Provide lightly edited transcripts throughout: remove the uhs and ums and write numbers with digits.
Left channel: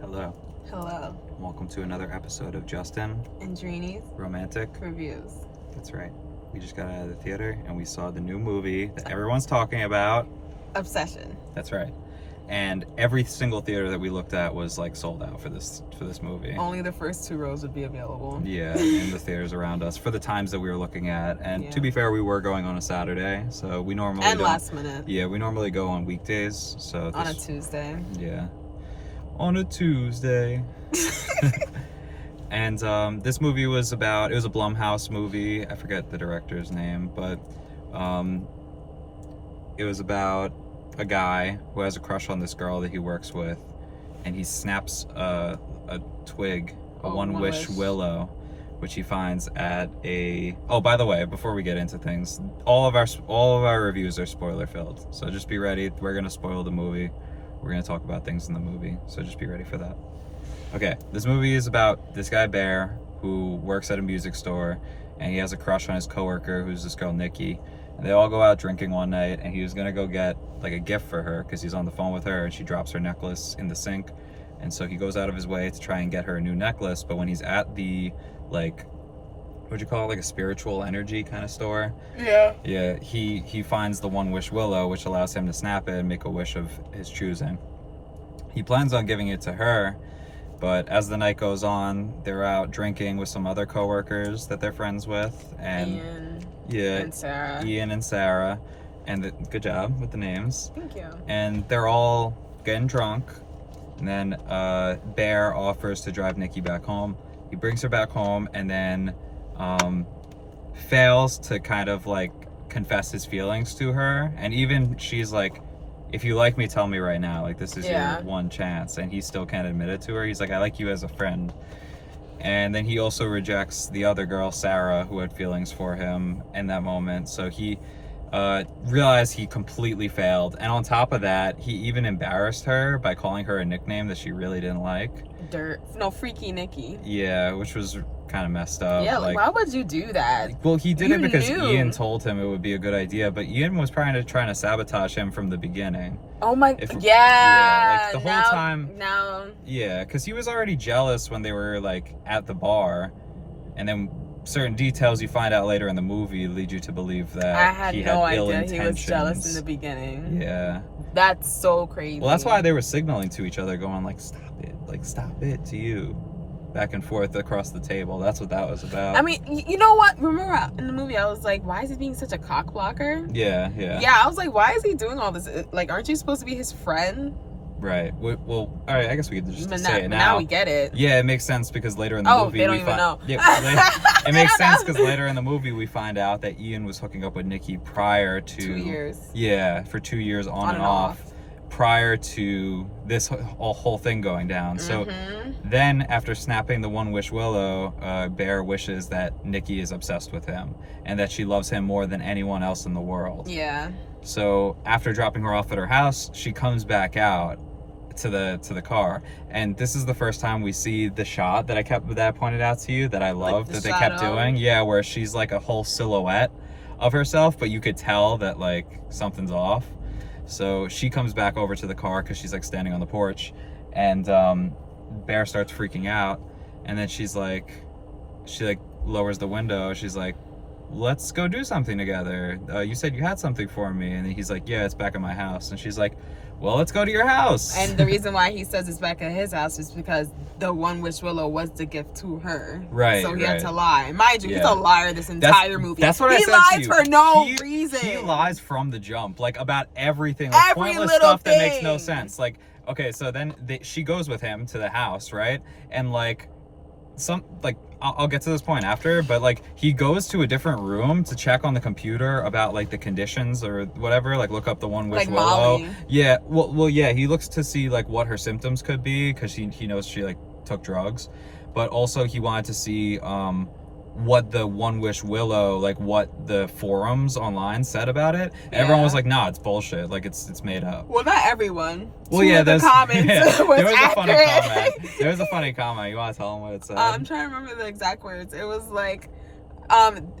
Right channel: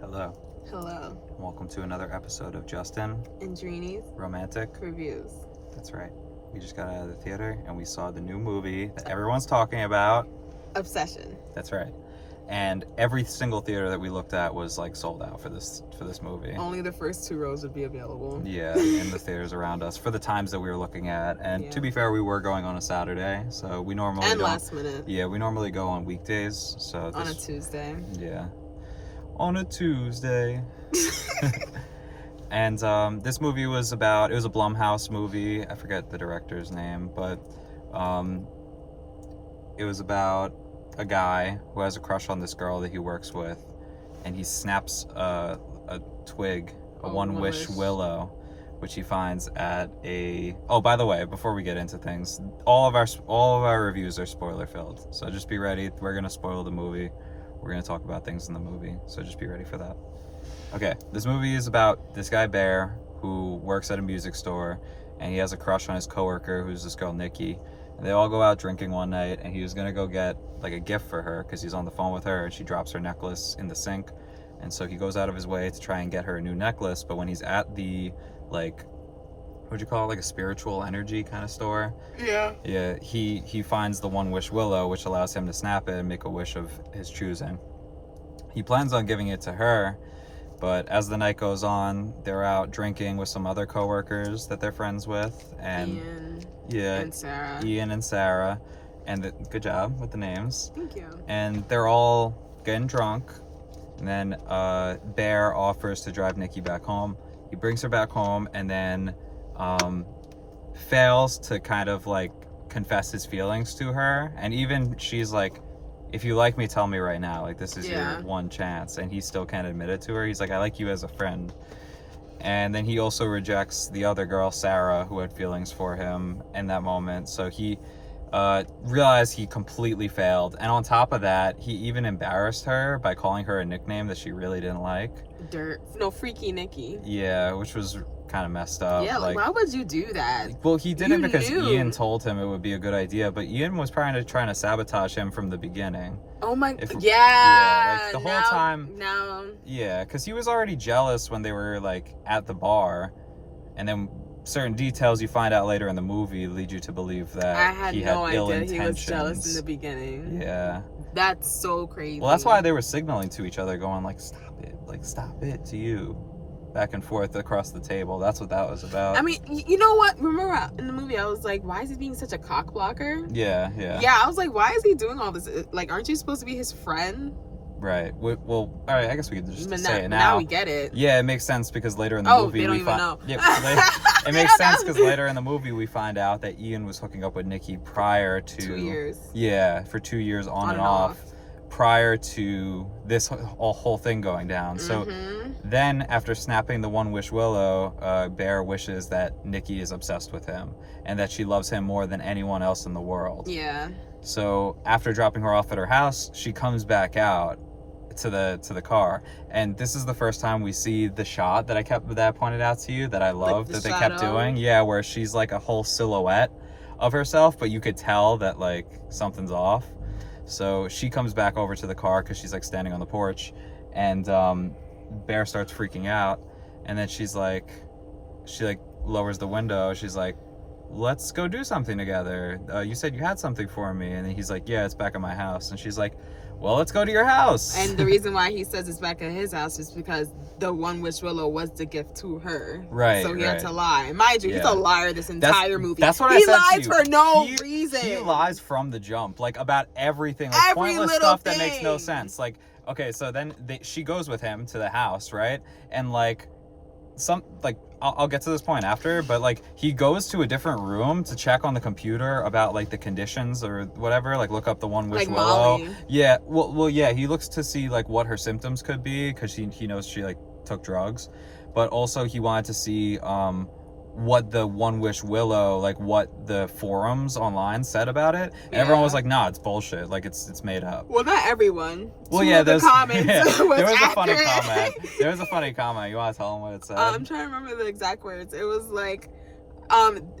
Hello. Hello. Welcome to another episode of Johnston And Dreeny's Romantic Reviews. That's right. We just got out of the theater and we saw the new movie that everyone's talking about. Obsession. That's right. And every single theater that we looked at was like sold out for this movie. Only the first 2 rows would be available. Yeah, in the theaters around us for the times that we were looking at. And to be fair, we were going on a Saturday, so we normally and last minute. Yeah, we normally go on weekdays. So on a Tuesday. Yeah. On a Tuesday. And this movie was a Blumhouse movie. I forget the director's name, but it was about a guy who has a crush on this girl that he works with, and he snaps a twig, a one-wish willow, which he finds at a... Oh, by the way, before we get into things, all of our reviews are spoiler-filled, so just be ready. We're gonna spoil the movie. We're gonna talk about things in the movie, so just be ready for that. Okay, this movie is about this guy Bear who works at a music store, and he has a crush on his coworker who's this girl Nikki. And they all go out drinking one night, and he was gonna go get like a gift for her because he's on the phone with her, and she drops her necklace in the sink. And so he goes out of his way to try and get her a new necklace, but when he's at the what'd you call it, like a spiritual energy kind of store? Yeah, he finds the one-wish willow, which allows him to snap it and make a wish of his choosing. He plans on giving it to her, but as the night goes on, they're out drinking with some other coworkers that they're friends with, and Ian and Sarah, and good job with the names. Thank you. And they're all getting drunk, and then Bear offers to drive Nikki back home. He brings her back home, and then fails to kind of like confess his feelings to her, and even she's like, if you like me, tell me right now, like this is your one chance. And he still can't admit it to her. He's like, I like you as a friend. And then he also rejects the other girl, Sarah, who had feelings for him in that moment. So he realized he completely failed, and on top of that, he even embarrassed her by calling her a nickname that she really didn't like. Freaky Nikki. Yeah, which was kind of messed up. Yeah, like, why would you do that? Well, he did it because Ian told him it would be a good idea, but Ian was trying to sabotage him from the beginning. Oh my, like the whole time. Yeah, because he was already jealous when they were like at the bar, and then certain details you find out later in the movie lead you to believe that I had no idea he was intentions. jealous in the beginning. Yeah. That's so crazy. Well, that's why they were signaling to each other, going like, stop it to you. Back and forth across the table. That's what that was about. I mean, you know what? Remember in the movie, I was like, why is he being such a cock blocker? Yeah. Yeah, I was like, why is he doing all this? Like, aren't you supposed to be his friend? Right. Well, all right, I guess we could just say it now. Now we get it. Yeah, it makes sense because later in the movie... they don't even know. Yeah, it makes sense because later in the movie we find out that Ian was hooking up with Nikki prior to... 2 years. Yeah, for 2 years on and off. Prior to this whole thing going down. So then after snapping the one-wish willow, Bear wishes that Nikki is obsessed with him and that she loves him more than anyone else in the world. Yeah. So after dropping her off at her house, she comes back out to the car, and this is the first time we see the shot that I pointed out to you that I love, that they kept doing. Yeah, where she's like a whole silhouette of herself, but you could tell that like something's off. So she comes back over to the car because she's like standing on the porch, and Bear starts freaking out, and then she lowers the window. She's like, let's go do something together. You said you had something for me. And then he's like, yeah, it's back at my house. And she's like, well, let's go to your house. And the reason why he says it's back at his house is because the one-wish willow was the gift to her. Right. So he had to lie. Mind you, he's a liar this entire movie. That's what I said to you. He lies for no reason. He lies from the jump, like about everything, like pointless stuff that makes no sense. Like, okay, so then she goes with him to the house, right? And like, I'll get to this point after, but like he goes to a different room to check on the computer about like the conditions or whatever, like look up the one-wish willow. Molly. Yeah, well, yeah, he looks to see like what her symptoms could be because he knows she like took drugs, but also he wanted to see what the one-wish willow, like what the forums online said about it. And everyone was like, nah, it's bullshit, like it's made up. Well, not everyone. Well, yeah, the comments there was accurate. a funny comment. There was a funny comment. You want to tell them what it said? I'm trying to remember the exact words. It was like,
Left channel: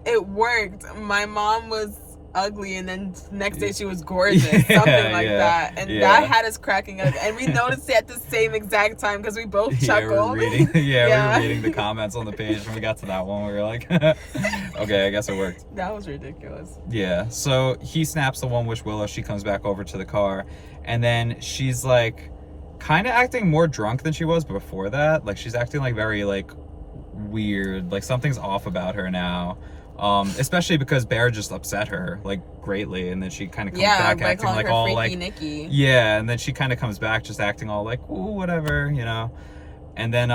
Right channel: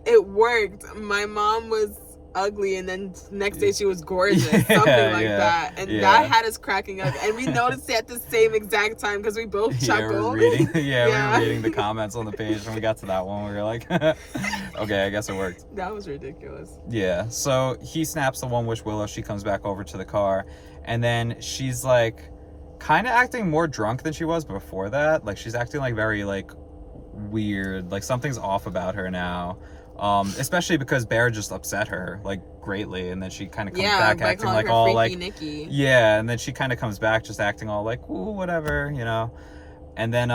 it worked. My mom was ugly, and then next day she was gorgeous, something like that. And that had us cracking up, and we noticed it at the same exact time because we both chuckled. We were reading the comments on the page when we got to that one. We were like, okay, I guess it worked. That was ridiculous. Yeah, so he snaps the one witch Willow. She comes back over to the car, and then she's like kind of acting more drunk than she was before that. Like, she's acting like very like weird, like something's off about her now. Especially because Bear just upset her like greatly, and then she kind of comes back acting like all like Nikki. Yeah, and then she kind of comes back just acting all like, ooh, whatever, you know. And then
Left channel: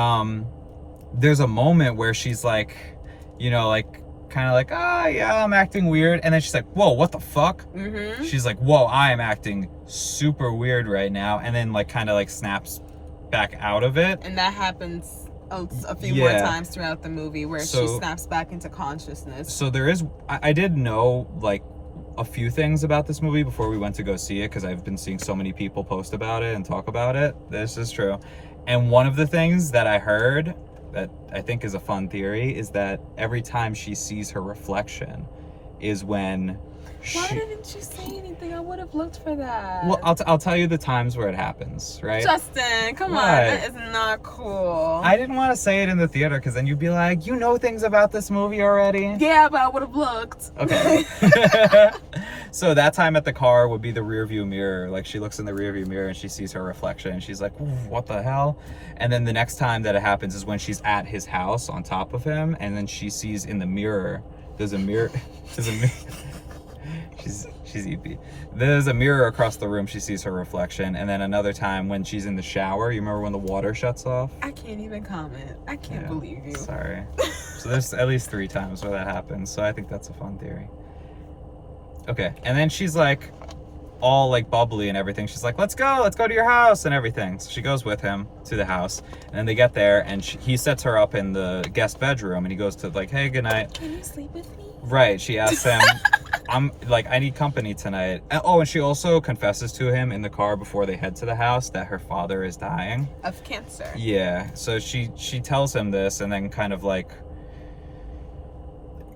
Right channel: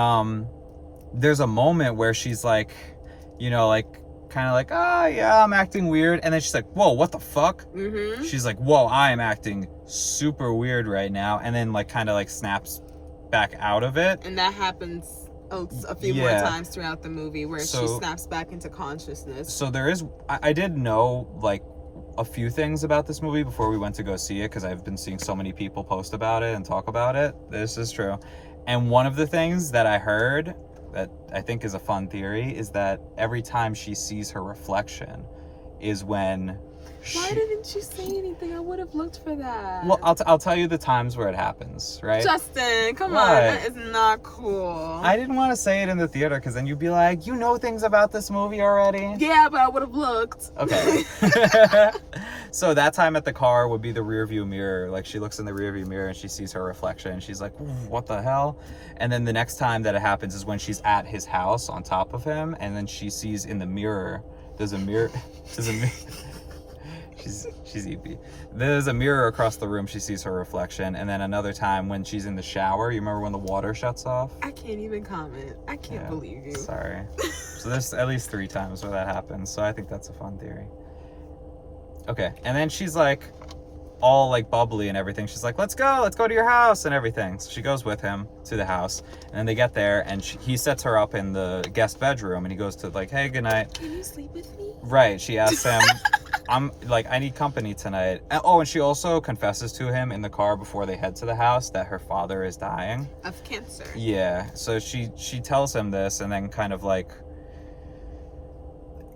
there's a moment where she's like, you know, like kind of like, oh yeah, I'm acting weird, and then she's like, whoa, what the fuck? She's like, whoa, I am acting super weird right now, and then like kind of like snaps back out of it. And that happens a few more times throughout the movie where she snaps back into consciousness. So there is, I did know like a few things about this movie before we went to go see it, because I've been seeing so many people post about it and talk about it. This is true. And one of the things that I heard that I think is a fun theory is that every time she sees her reflection is when Why didn't you say anything? I would have looked for that. Well, I'll tell you the times where it happens, right? Justin, come on. That is not cool. I didn't want to say it in the theater because then you'd be like, you know things about this movie already? Yeah, but I would have looked. Okay. So that time at the car would be the rear view mirror. Like, she looks in the rear view mirror and she sees her reflection and she's like, what the hell? And then the next time that it happens is when she's at his house on top of him, and then she sees in the mirror, there's a mirror. She's EP. There's a mirror across the room. She sees her reflection. And then another time when she's in the shower, you remember when the water shuts off? I can't even comment. I can't believe you. Sorry. So there's at least 3 times where that happens. So I think that's a fun theory. Okay. And then she's like all like bubbly and everything. She's like, let's go to your house and everything. So she goes with him to the house. And then they get there and he sets her up in the guest bedroom and he goes to like, hey, good night. Can you sleep with me? Right. She asks him, I'm like, I need company tonight. Oh, and she also confesses to him in the car before they head to the house that her father is dying of cancer. Yeah. So she tells him this and then kind of like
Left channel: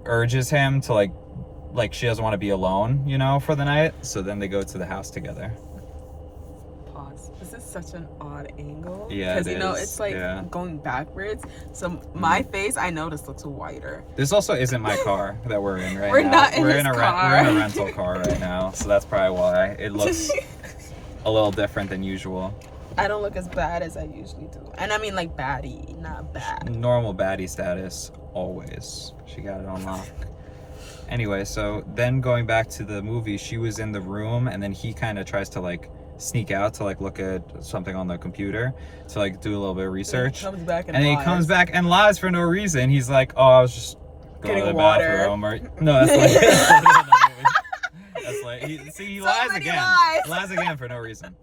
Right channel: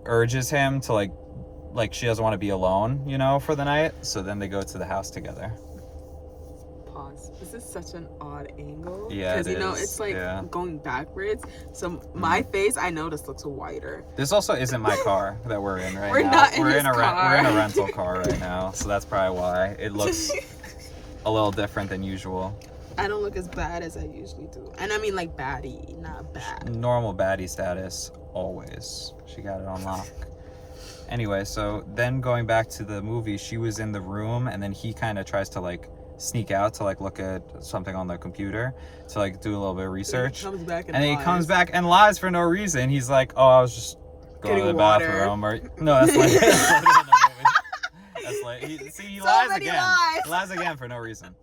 urges him to like she doesn't want to be alone, you know, for the night. So then they go to the house together. Pause. This is such an odd angle. Yeah, because you know it's like going backwards. So my face, I noticed, looks whiter. This also isn't my car that we're in right now. We're not in his car. We're in a rental car right now, so that's probably why it looks a little different than usual. I don't look as bad as I usually do, and I mean like baddie, not bad. Normal baddie status always. She got it on lock. Anyway, so then going back to the movie, she was in the room and then he kind of tries to like sneak out to like look at something on the computer to like do a little bit of research. And he comes back and then he comes back and lies for no reason. He's like, oh, I was just going to the bathroom. Or no, that's like that's like he lies again. He lies again for no reason.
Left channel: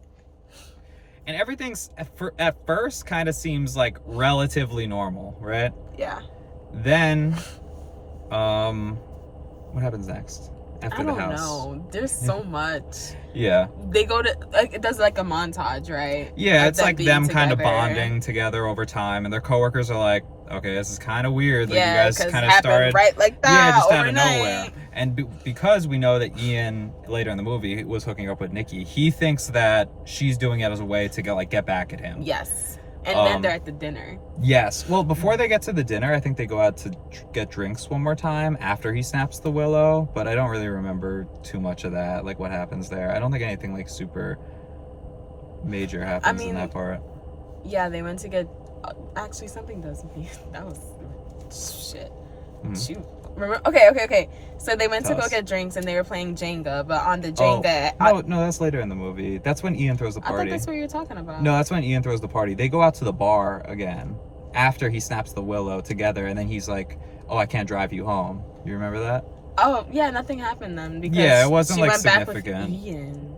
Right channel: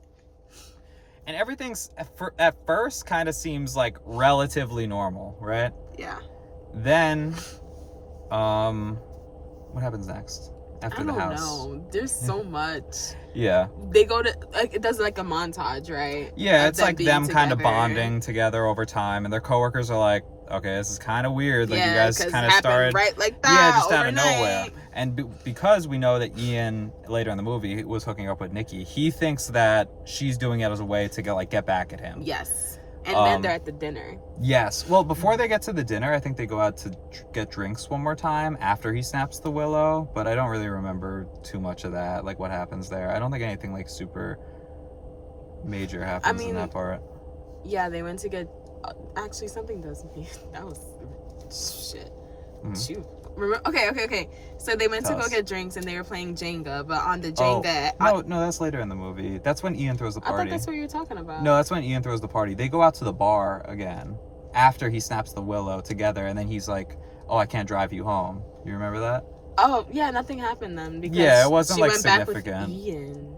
And everything's at first kind of seems like relatively normal, right? Yeah. Then what happens next after the house? I don't know. There's so much. Yeah. They go to like it does like a montage, right? Yeah, it's like them kind of bonding together over time, and their coworkers are like, "Okay, this is kind of weird. Like you guys kind of started right like that, just overnight. Out of nowhere." And because we know that Ian later in the movie was hooking up with Nikki, he thinks that she's doing it as a way to get back at him. Yes. And then they're at the dinner. Yes. Well, before they get to the dinner, I think they go out to get drinks one more time after he snaps the willow. But I don't really remember too much of that, like what happens there. I don't think anything like super major happens in that part. Yeah, they went to get... actually, something does... That was... shit. Shoot. Remember? Okay. So they went to go get drinks and they were playing Jenga, but on the Jenga... No, that's later in the movie. That's when Ian throws the party. I thought that's what you were talking about. No, that's when Ian throws the party. They go out to the bar again after he snaps the willow together, and then he's like, oh, I can't drive you home. You remember that? Oh, yeah, nothing happened then because it wasn't she like went significant. Back with Ian.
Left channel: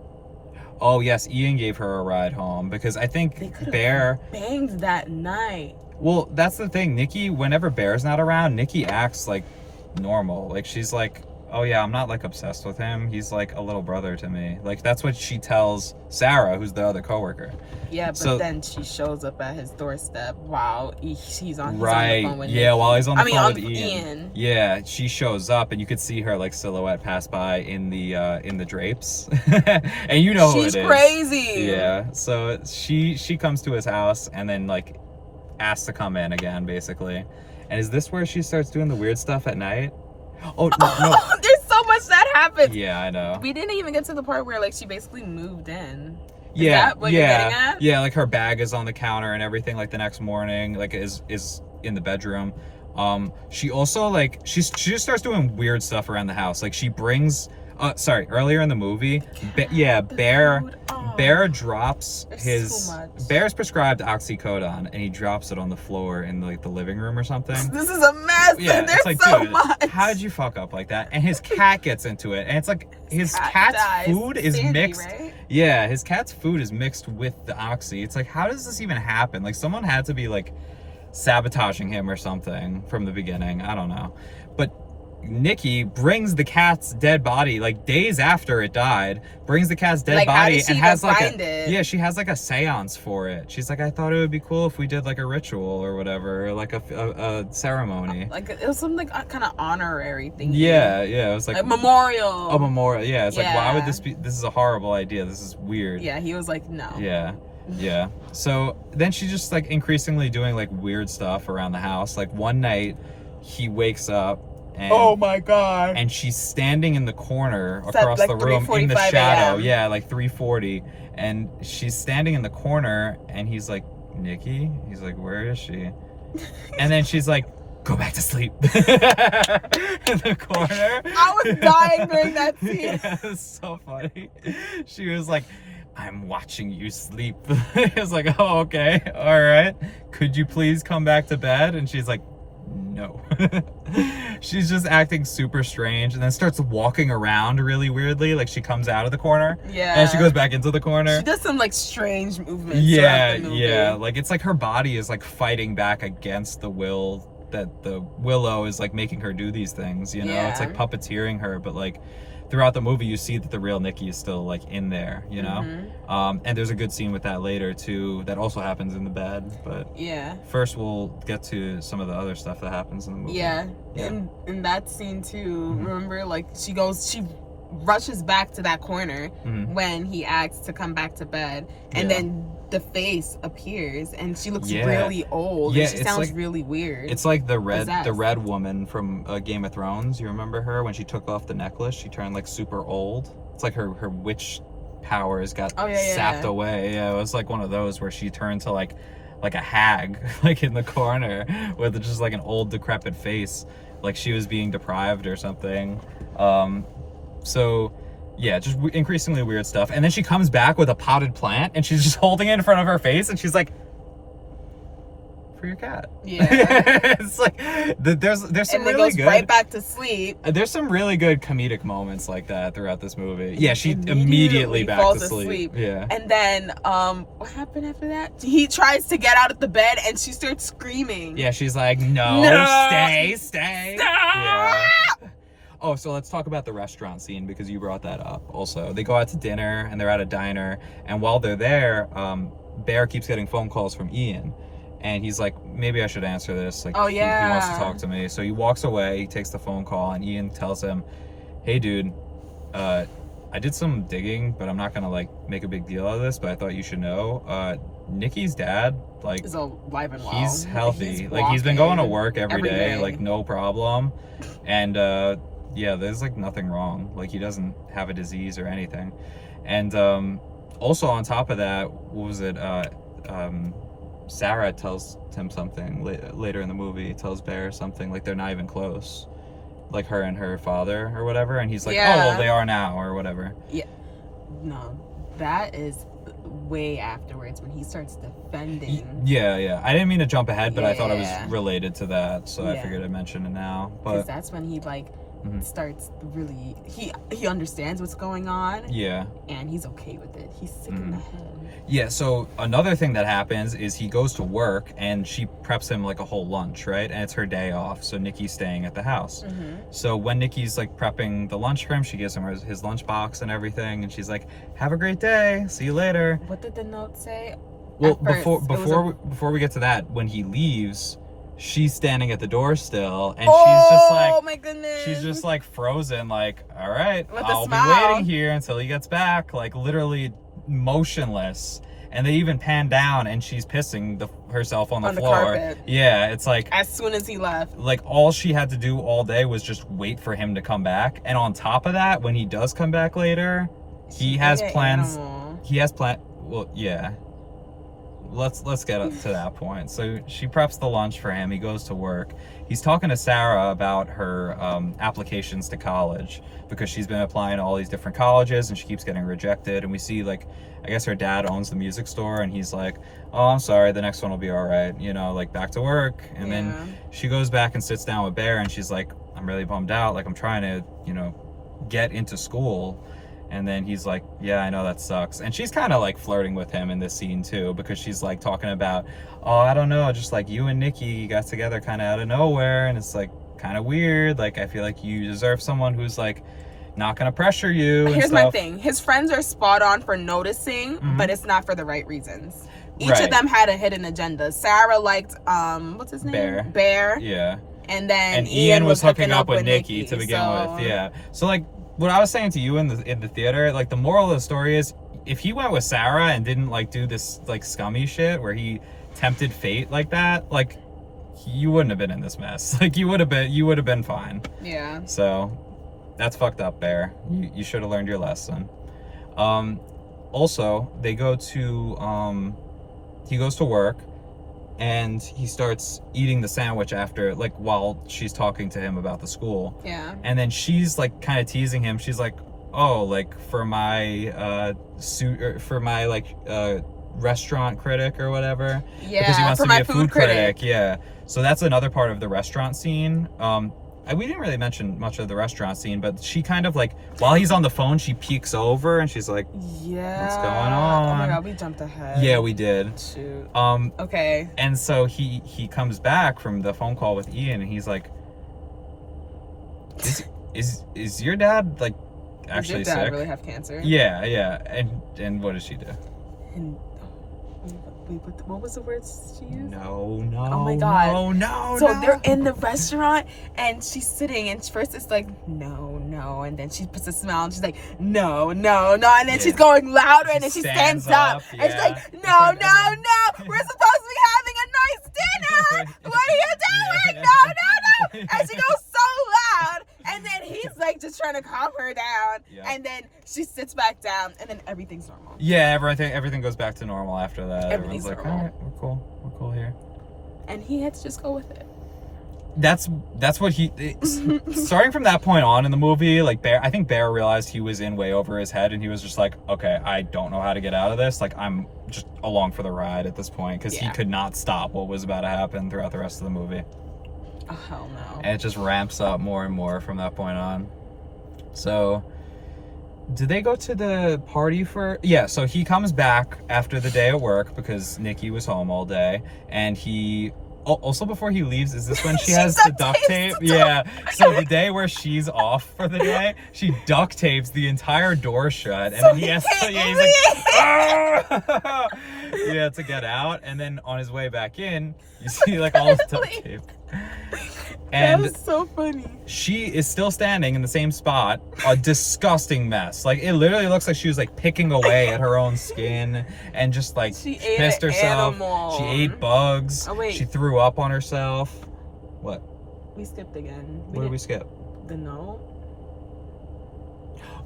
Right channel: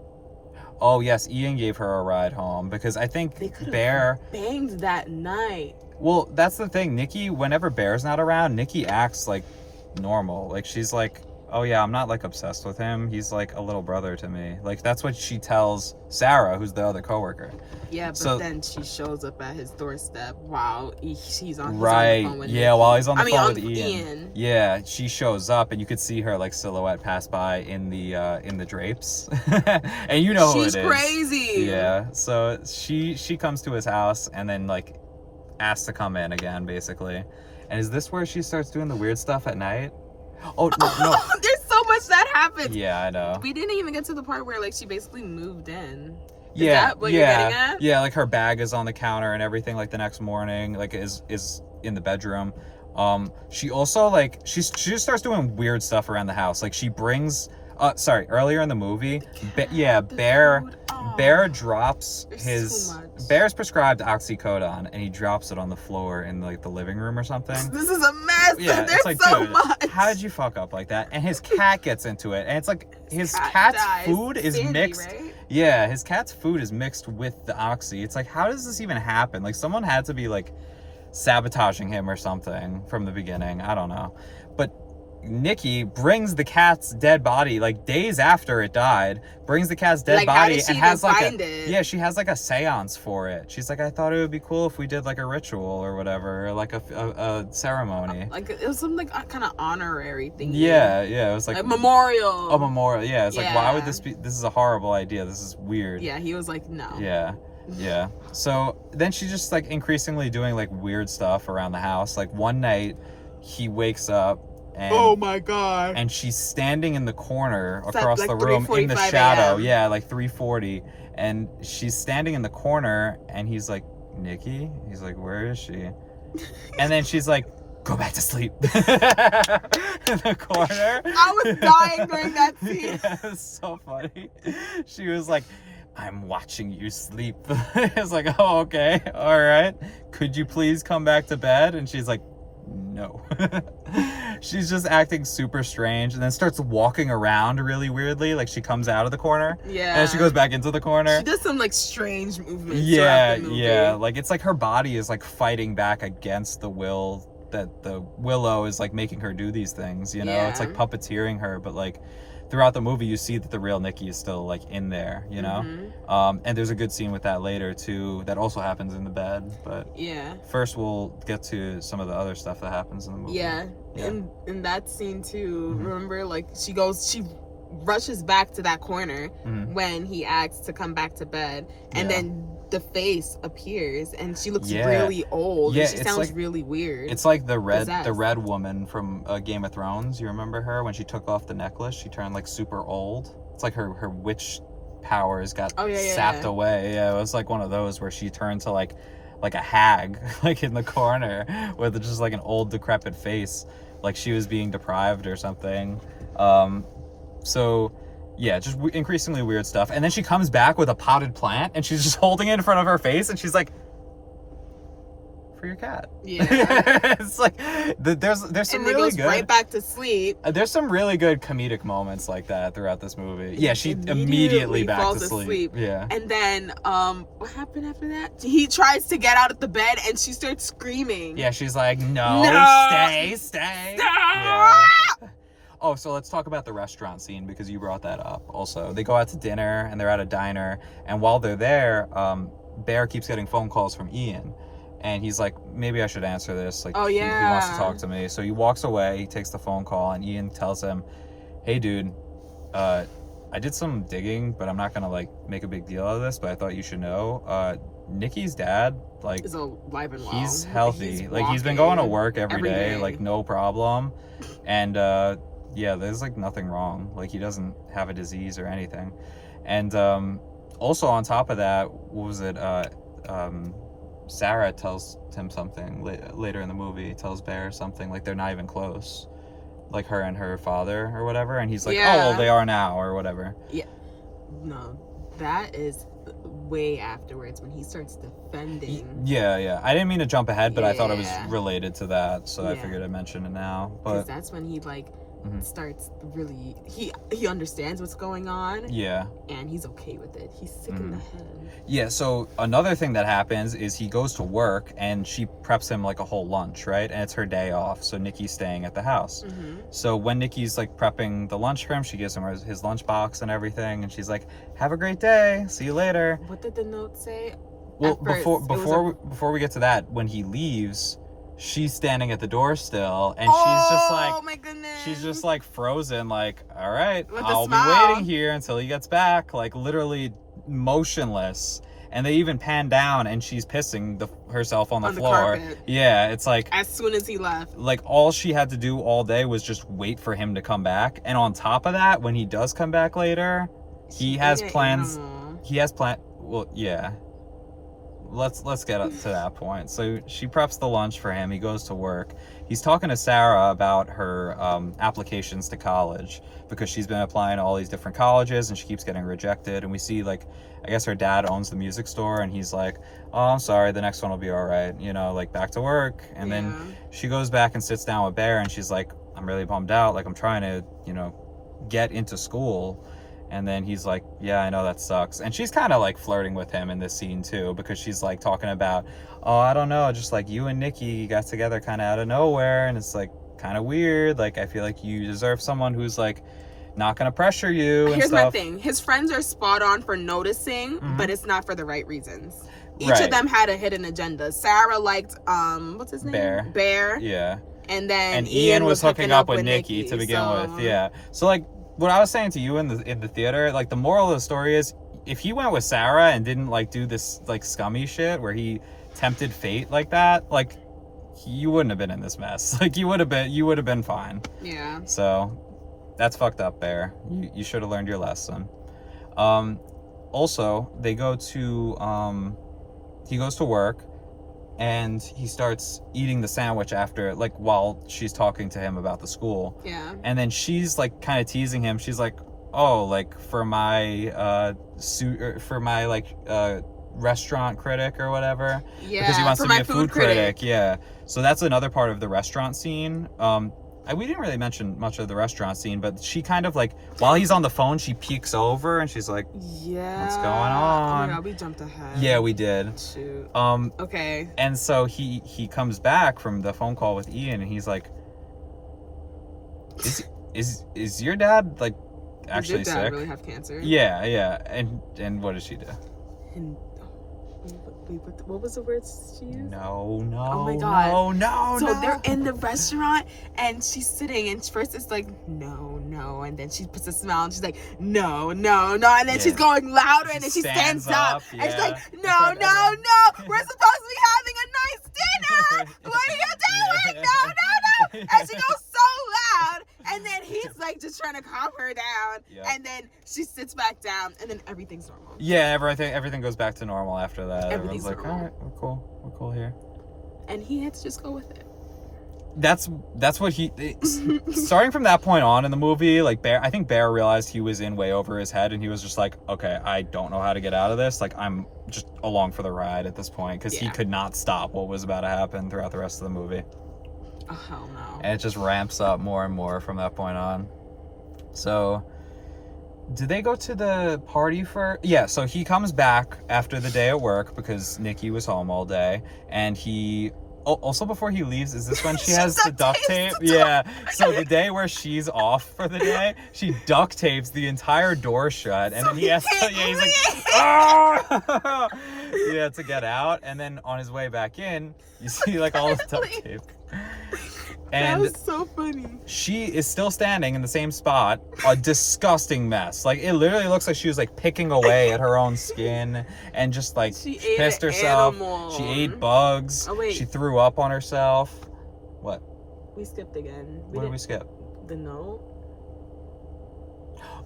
Oh, yes, Ian gave her a ride home because I think Bear banged that night. Well, that's the thing. Nikki, whenever Bear's not around, Nikki acts like normal. Like she's like oh yeah, I'm not like obsessed with him. He's like a little brother to me. Like that's what she tells Sarah, who's the other coworker. Yeah, but then she shows up at his doorstep while he's on the phone with Nikki. While he's on the phone with Ian. Yeah, she shows up and you could see her like silhouette pass by in the drapes. And you know who it is. She's crazy. Yeah. So she comes to his house and then like asks to come in again, basically. And is this where she starts doing the weird stuff at night? Oh no. There's so much that happens. Yeah, I know. We didn't even get to the part where like she basically moved in. Is that what you're getting at? Yeah, like her bag is on the counter and everything, like the next morning, like is in the bedroom. She also like she just starts doing weird stuff around the house. Like she brings earlier in the movie, Bear drops Bear's prescribed oxycodone and he drops it on the floor in like the living room or something. This is a mess. Yeah, There's like, so dude, much. How did you fuck up like that? And his cat gets into it and it's like his cat's food is Sandy, mixed. Right? Yeah, his cat's food is mixed with the oxy. It's like, how does this even happen? Like someone had to be like sabotaging him or something from the beginning. I don't know. But Nikki brings the cat's dead body like days after it died, brings the cat's dead body and has like she has like a seance for it. She's like, I thought it would be cool if we did like a ritual or whatever, or like a ceremony. Like it was some like kind of honorary thing. Yeah, it was like a memorial. A memorial. Yeah, it's like, why would this be? This is a horrible idea. This is weird. Yeah, he was like, no. Yeah. So then she's just like increasingly doing like weird stuff around the house. Like one night he wakes up and, oh my god. And she's standing in the corner across the room in the shadow. AM. Yeah, like 3:40. And she's standing in the corner and he's like, Nikki? He's like, where is she? And then she's like, go back to sleep. In the corner. I was dying during that scene. Yeah, it was so funny. She was like, I'm watching you sleep. I was like, oh, okay. All right. Could you please come back to bed? And she's like, no. She's just acting super strange and then starts walking around really weirdly. Like she comes out of the corner. Yeah. And she goes back into the corner. She does some like strange movements. Yeah. Like it's like her body is like fighting back against the will that the Willow is like making her do these things, you know? Yeah. It's like puppeteering her, but like throughout the movie you see that the real Nikki is still like in there, you know? Mm-hmm. And there's a good scene with that later too that also happens in the bed, but first we'll get to some of the other stuff that happens in the movie. In that scene too, remember like she rushes back to that corner when he asks to come back to bed, and then the face appears and she looks really old and she sounds like, really weird. It's like the red woman from Game of Thrones. You remember her when she took off the necklace? She turned like super old. It's like her witch powers got sapped away. Yeah, it was like one of those where she turned to like a hag, like in the corner with just like an old decrepit face, like she was being deprived or something. So yeah, just increasingly weird stuff. And then she comes back with a potted plant and she's just holding it in front of her face and she's like, for your cat. Yeah. It's like, there's some really good. Right back to sleep. There's some really good comedic moments like that throughout this movie. Yeah, she immediately back falls to sleep. Yeah. And then, what happened after that? He tries to get out of the bed and she starts screaming. Yeah, she's like, no. Stay. Yeah. Oh, so let's talk about the restaurant scene because you brought that up also. They go out to dinner and they're at a diner, and while they're there, Bear keeps getting phone calls from Ian. And he's like, maybe I should answer this. Like, he wants to talk to me. So he walks away, he takes the phone call, and Ian tells him, hey dude, I did some digging, but I'm not gonna like make a big deal out of this, but I thought you should know. Nikki's dad, like, is alive and well. He's healthy. He's been going to work every day, like no problem. And yeah, there's like nothing wrong. Like he doesn't have a disease or anything. And also on top of that, what was it? Sarah tells him something later in the movie, tells Bear something, like they're not even close, like her and her father or whatever, and he's like, oh well, they are now or whatever. Yeah, no, that is way afterwards when he starts defending. Yeah, I didn't mean to jump ahead, but I thought it was related to that, so I figured I'd mention it now. But that's when he like starts really he understands what's going on. Yeah. And he's okay with it. He's sick in the head. Yeah, so another thing that happens is he goes to work and she preps him like a whole lunch, right? And it's her day off, so Nikki's staying at the house. So when Nikki's like prepping the lunch for him, she gives him his lunch box and everything, and she's like, "Have a great day. See you later." What did the note say? Well, before we get to that, when he leaves, she's standing at the door still, and she's just like, oh my goodness, she's just like frozen, like, all right, with I'll be waiting here until he gets back, like literally motionless. And they even pan down, and she's pissing herself on the floor. Carpet. Yeah, it's like as soon as he left, like all she had to do all day was just wait for him to come back. And on top of that, when he does come back later, he has plans. Well, yeah. Let's get up to that point. So she preps the lunch for him. He goes to work. He's talking to Sarah about her applications to college, because she's been applying to all these different colleges and she keeps getting rejected. And we see, like, I guess her dad owns the music store, and he's like, "Oh, I'm sorry, the next one will be all right, you know, like back to work." And then she goes back and sits down with Bear, and she's like, "I'm really bummed out. Like, I'm trying to, you know, get into school." And then he's like, "Yeah, I know, that sucks." And she's kind of like flirting with him in this scene too, because she's like talking about, "Oh, I don't know, just like you and Nikki got together kind of out of nowhere, and it's like kind of weird. Like, I feel like you deserve someone who's like not gonna pressure you." Here's my thing: his friends are spot on for noticing, but it's not for the right reasons. Each of them had a hidden agenda. Sarah liked what's his name? Bear. Yeah. And then Ian was hooking up with Nikki to begin with. Yeah. So like, what I was saying to you in the theater, like, the moral of the story is, if he went with Sarah and didn't like do this like scummy shit where he tempted fate like that, like, you wouldn't have been in this mess. Like, you would have been fine. Yeah. So that's fucked up, Bear. You should have learned your lesson. Also, they go to he goes to work, and he starts eating the sandwich after, like, while she's talking to him about the school. Yeah. And then she's like kind of teasing him. She's like, "Oh, like for my restaurant critic or whatever." Yeah. Because he wants for to be my a food critic. Yeah. So that's another part of the restaurant scene. We didn't really mention much of the restaurant scene, but she kind of like, while he's on the phone, she peeks over and she's like, "Yeah, what's going on?" Oh my god, we jumped ahead. Yeah, we did. Shoot. Okay. And so he comes back from the phone call with Ian, and he's like, is your dad like actually sick? Does your dad really have cancer? Yeah. And what does she do? And wait, what was the words she used? No. Oh my god. No. So they're in the restaurant, and she's sitting, and first it's like, no, and then she puts a smile, and she's like, no, and then she's going louder, and then she stands up, and she's like, no, we're supposed to be having a nice dinner. What are you doing? No. And she goes so loud, and then he's like just trying to calm her down, and then she sits back down, and then everything's normal. Yeah, everything goes back to normal after that. Everything's like, normal. "All right, we're cool here." And he had to just go with it. That's what he starting from that point on in the movie, like, I think Bear realized he was in way over his head, and he was just like, "Okay, I don't know how to get out of this. Like, I'm just along for the ride at this point," because he could not stop what was about to happen throughout the rest of the movie. Oh, hell no. And it just ramps up more and more from that point on. So, did they go to the party for... Yeah, so he comes back after the day at work because Nikki was home all day, and he... Also, before he leaves, is this when she has the duct tape? Yeah. So the day where she's off for the day, she duct tapes the entire door shut, and then he has to... Yeah, he's like... "Ah!" Yeah, to get out. And then on his way back in, you see, like, all the duct tape. And that was so funny. She is still standing in the same spot, a disgusting mess. Like, it literally looks like she was like picking away at her own skin and just like she pissed herself. Animal. She ate bugs. Oh, wait. She threw up on herself. What? We skipped again. What did we skip? The note.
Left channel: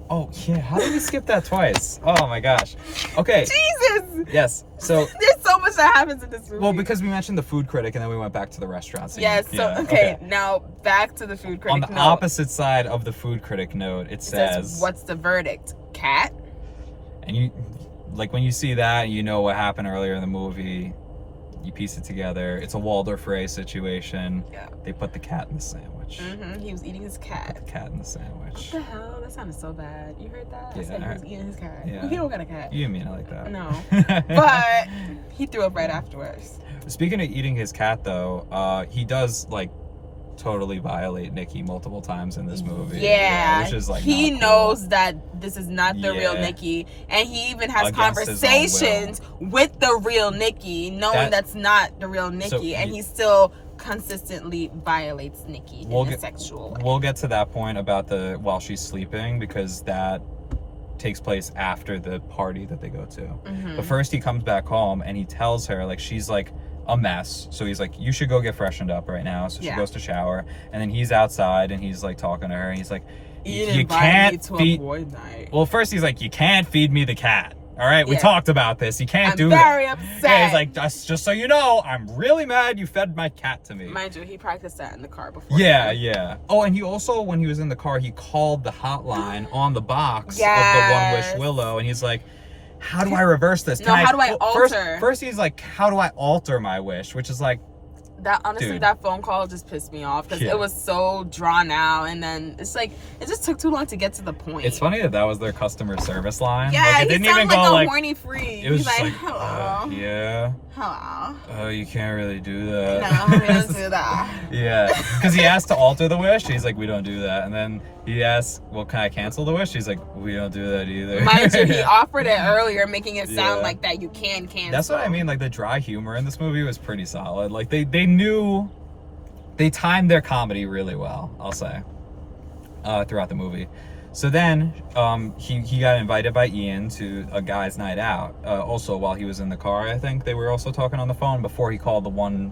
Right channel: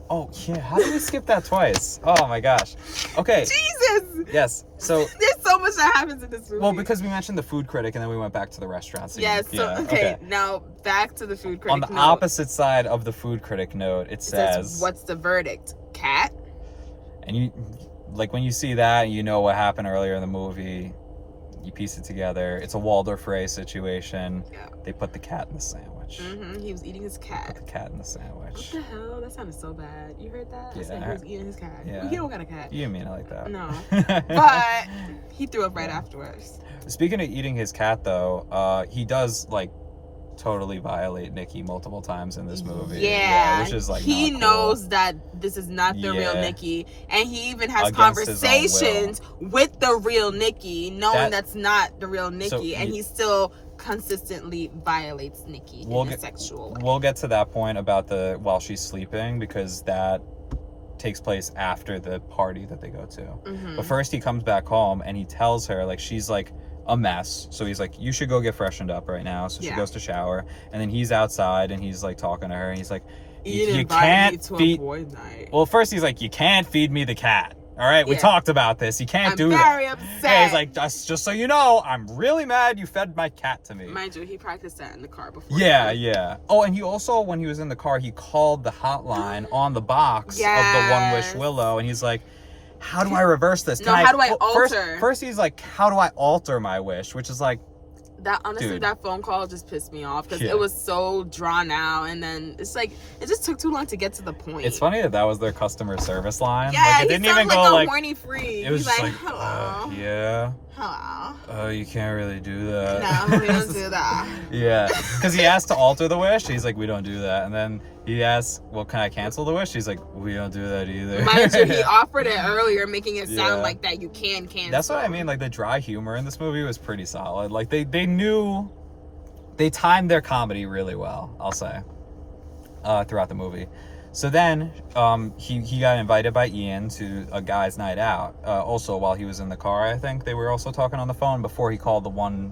Oh yeah, how did we skip that twice? Oh my gosh. Okay. Jesus. Yes. So there's so much that happens in this movie. Well, because we mentioned the food critic, and then we went back to the restaurant scene. Yes. So okay, now back to the food critic. On the opposite side of the food critic note, it says, "What's the verdict? Cat?" And you, like, when you see that, you know what happened earlier in the movie. You piece it together. It's a Waldorf Ray situation. Yeah. They put the cat in the sandwich. He was eating his cat. Put the cat in the sandwich. What the hell? That sounded so bad. You heard that? Yeah. I said he was eating his cat. Yeah. Well, he don't got a cat. You didn't mean it like that. No. But he threw up right afterwards. Speaking of eating his cat, though, he does, like, totally violate Nikki multiple times in this movie. Yeah, which is, like, he not cool. knows that this is not the real Nikki, and he even has Against his own conversations with the real Nikki, knowing that's not the real Nikki, and he still consistently violates Nikki in a sexual way. We'll get to that point about while she's sleeping, because that takes place after the party that they go to. But first he comes back home and he tells her, like, she's like a mess, so he's like, you should go get freshened up right now. So she goes to shower, and then he's outside and he's like talking to her, and he's like, you can't feed a boy night. Well, first he's like, you can't feed me the cat. All right, we talked about this. You can't do that. I'm very upset. Yeah, he's like, just so you know, I'm really mad you fed my cat to me. Mind you, he practiced that in the car before. Yeah. Oh, and he also, when he was in the car, he called the hotline on the box of the One Wish Willow, and he's like, how do I reverse this? How do I alter? First he's like, how do I alter my wish? Which is like, that honestly, that phone call just pissed me off because it was so drawn out, and then it's like it just took too long to get to the point. It's funny that was their customer service line. Yeah, like, it didn't even go like a horny freak. It was just like, hello. Hello. Oh, you can't really do that. No, we don't do that. Yeah, because he asked to alter the wish. He's like, we don't do that. And then he asked, well, can I cancel the wish? He's like, we don't do that either. Mind you, he offered it earlier, making it sound like that you can cancel. That's what I mean. Like, the dry humor in this movie was pretty solid. Like, they knew, they timed their comedy really well, I'll say, throughout the movie. So then he got invited by Ian to a guy's night out. Also, while he was in the car, I think they were also talking on the phone before he called the One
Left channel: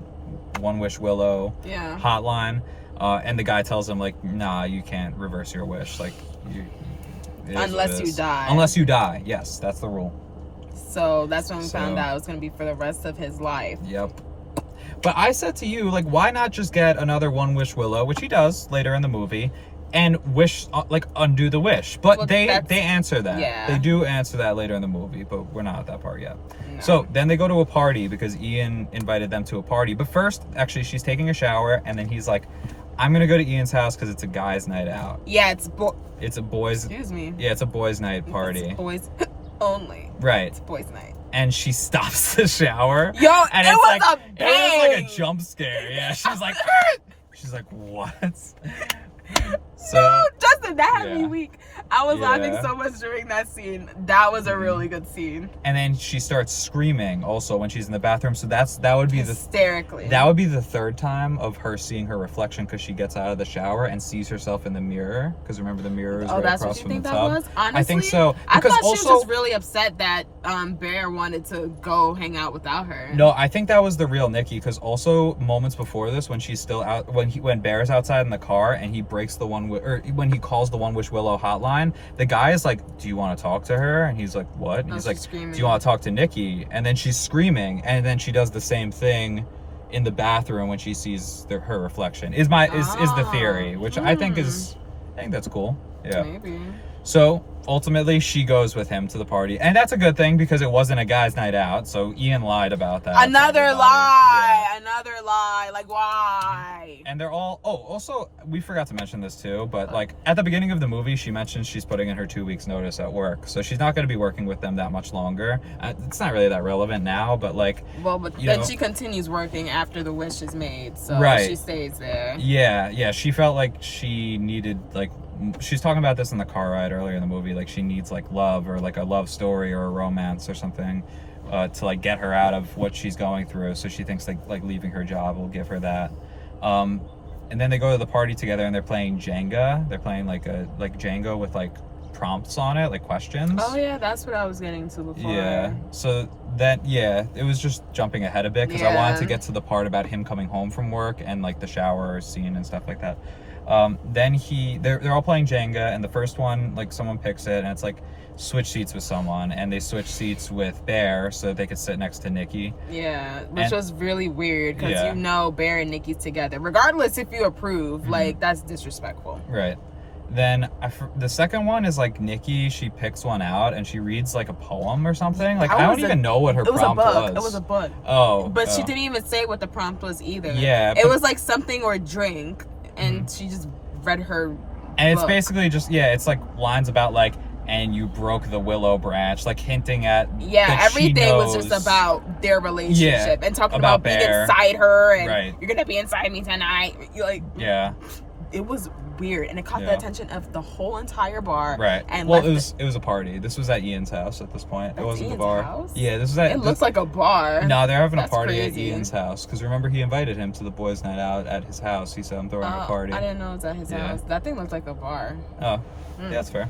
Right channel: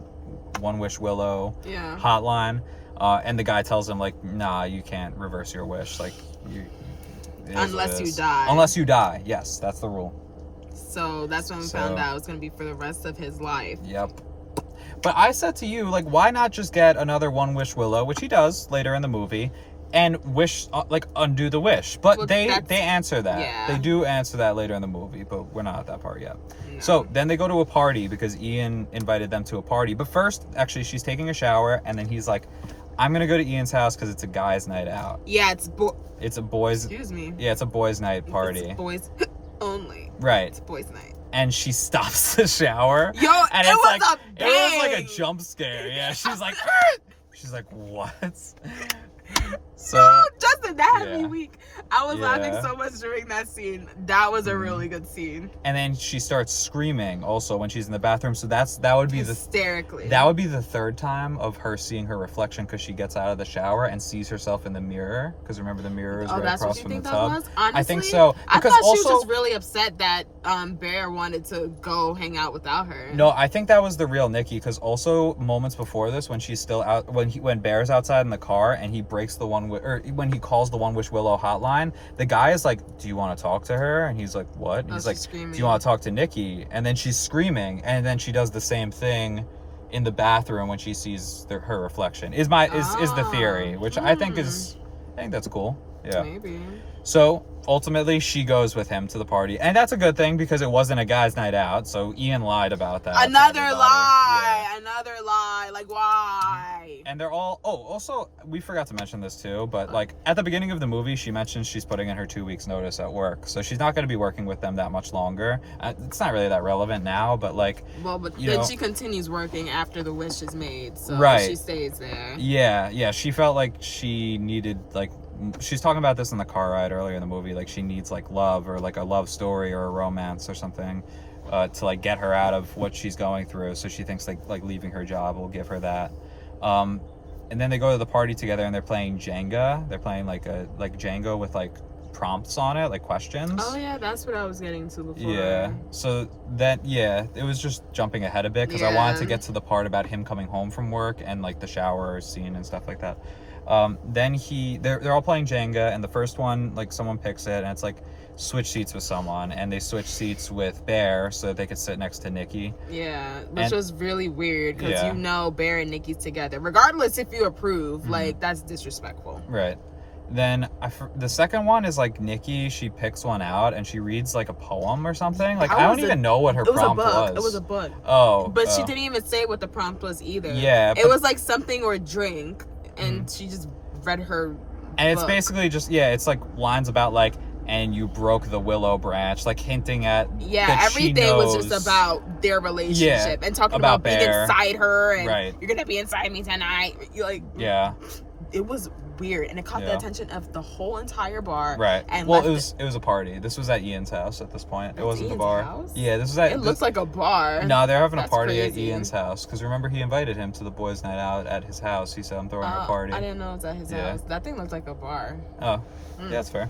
Wish Willow hotline. And the guy tells him, like, nah, you can't reverse your wish. Like, unless you die. Unless you die. Yes, that's the rule. So that's when we found out it was going to be for the rest of his life. Yep. But I said to you, like, why not just get another One Wish Willow, which he does later in the movie, and wish, like, undo the wish. But they answer that. Yeah. They do answer that later in the movie, but we're not at that part yet. No. So then they go to a party because Ian invited them to a party. But first, actually, she's taking a shower, and then he's like, I'm going to go to Ian's house because it's a guy's night out. Yeah, it's a boys... Excuse me. Yeah, it's a boys' night party. It's boys only. Right. It's boys' night. And she stops the shower. Yo, and it was like, a bang! It was like a jump scare. Yeah, she's like... She's like, what? So, no, Justin, that had me weak. I was laughing so much during that scene. That was a really good scene. And then she starts screaming also when she's in the bathroom. So that would be hysterically. That would be the third time of her seeing her reflection because she gets out of the shower and sees herself in the mirror. Because remember, the mirror is right across from the tub. That was? Honestly, I think so. I thought she was just really upset that Bear wanted to go hang out without her. No, I think that was the real Nikki. Because also moments before this, when she's still out, when Bear's outside in the car and he breaks the when he calls the One Wish Willow hotline, the guy is like, do you want to talk to her? And he's like, what? And he's like, screaming. Do you want to talk to Nikki? And then she's screaming, and then she does the same thing in the bathroom when she sees her reflection. Is the theory, which I think that's cool. Yeah. Maybe. So ultimately she goes with him to the party, and that's a good thing because it wasn't a guy's night out, so Ian lied about that. Another lie. Like, why? And they're all also, we forgot to mention this too, but like at the beginning of the movie she mentions she's putting in her 2 weeks notice at work, so she's not going to be working with them that much longer. It's not really that relevant now, but like, but then she continues working after the wish is made, so she stays there. Yeah, she felt like she needed, like, she's talking about this in the car ride earlier in the movie, like she needs like love, or like a love story or a romance or something to like get her out of what she's going through. So she thinks like leaving her job will give her that. And then they go to the party together and they're playing Jenga. They're playing like Jenga with like prompts on it, like questions. Oh yeah, that's what I was getting to before. Yeah. So it was just jumping ahead a bit because I wanted to get to the part about him coming home from work and like the shower scene and stuff like that. Then they're all playing Jenga, and the first one, like, someone picks it and it's like switch seats with someone, and they switch seats with Bear so that they could sit next to Nikki. Yeah, which was really weird because Bear and Nikki's together. Regardless if you approve, like, that's disrespectful. Right. Then the second one is like Nikki. She picks one out and she reads like a poem or something. Like I don't even know what her prompt was. It was a book. Oh, but she didn't even say what the prompt was either. Yeah, it was like something or drink, and she just read her. And it's basically just it's like lines about like, and you broke the willow branch, like hinting at everything was just about their relationship and talking about being inside her and you're gonna be inside me tonight. You're like it was weird, and it caught the attention of the whole entire bar. Right. And well, it was a party. This was at Ian's house at this point. It wasn't the bar. House? Yeah, this was at. It looks like a bar. No, they're having a party at Ian's house because remember he invited him to the boys' night out at his house. He said I'm throwing a party. I didn't know it was at his house. That thing looked like a bar. Oh, yeah, that's fair.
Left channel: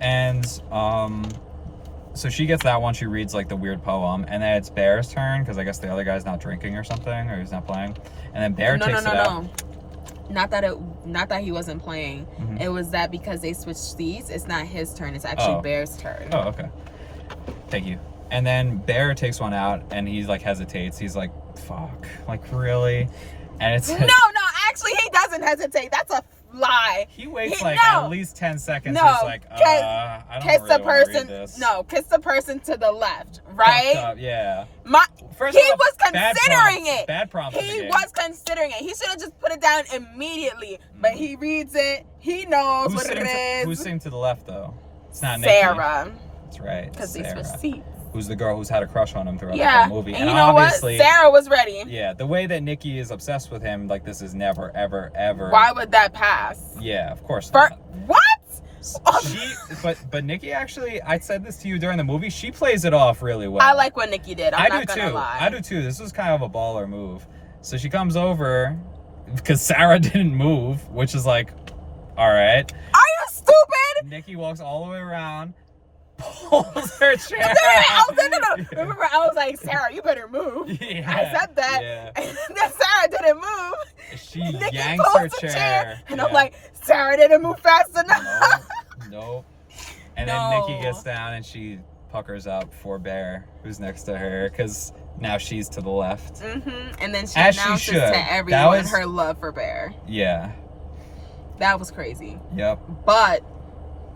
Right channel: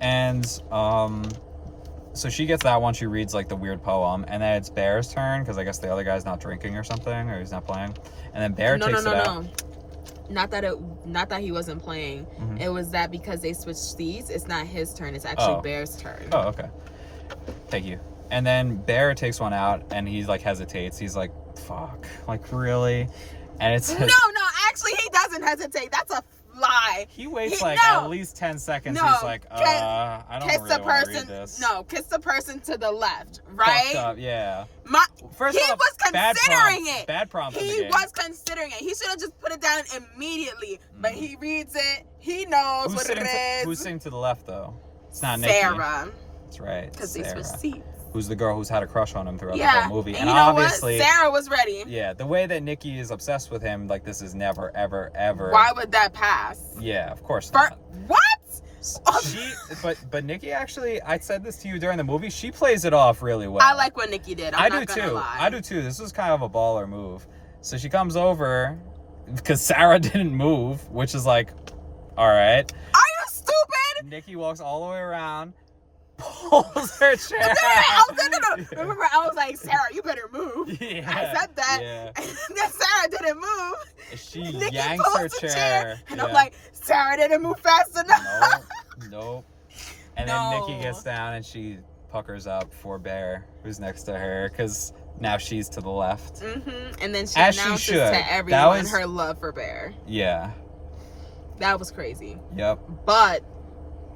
And so she gets that one. She reads like the weird poem, and then it's Bear's turn because I guess the other guy's not drinking or something, or he's not playing. And then Bear takes it out. Not that he wasn't playing. It was that because they switched seats, it's not his turn. It's actually Bear's turn. Oh, okay. Thank you. And then Bear takes one out, and he's like hesitates. He's like, "Fuck, like really?" And it's no. Actually, he doesn't hesitate. That's a lie. He waits at least 10 seconds. He's like, I don't kiss really the person. Want to read this. No, kiss the person to the left, right? Up, yeah. He was considering it. Bad prompt. He was considering it. He should have just put it down immediately. But he reads it. He knows what it is. Who's sitting to the left though? It's not Sarah. Nikki. That's right. Because they switched seats. Who's the girl who's had a crush on him throughout the whole movie. And you know what? Sarah was ready. Yeah, the way that Nikki is obsessed with him, like this is never, ever, ever. Why would that pass? Yeah, of course not. What? But Nikki actually, I said this to you during the movie, she plays it off really well. I like what Nikki did. I'm not gonna lie. I do too. This was kind of a baller move. So she comes over because Sarah didn't move, which is like, all right. Are you stupid? Nikki walks all the way around. Pulls her chair. No. Remember, I was like, Sarah, you better move. Yeah, I said that. Yeah. And then Sarah didn't move. She Nikki yanks her chair. And I'm like, Sarah didn't move fast enough. Nope. And then Nikki gets down and she puckers up for Bear, who's next to her, because now she's to the left. And then she announces to everyone her love for Bear. Yeah. That was crazy. Yep. But,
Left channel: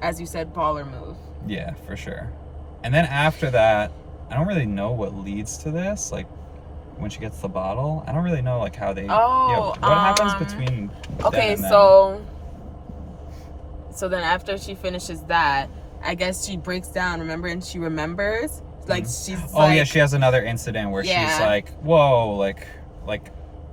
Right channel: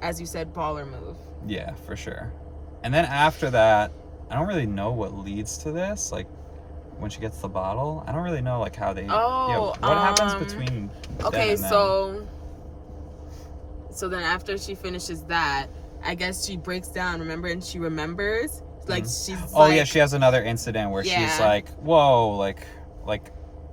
as you said, baller move. Yeah, for sure. And then after that, I don't really know what leads to this. Like, when she gets the bottle, I don't really know like how they. What happens between? Okay, so then after she finishes that, I guess she breaks down. Remember, and she remembers. Like she's. She has another incident where she's like, "Whoa, like."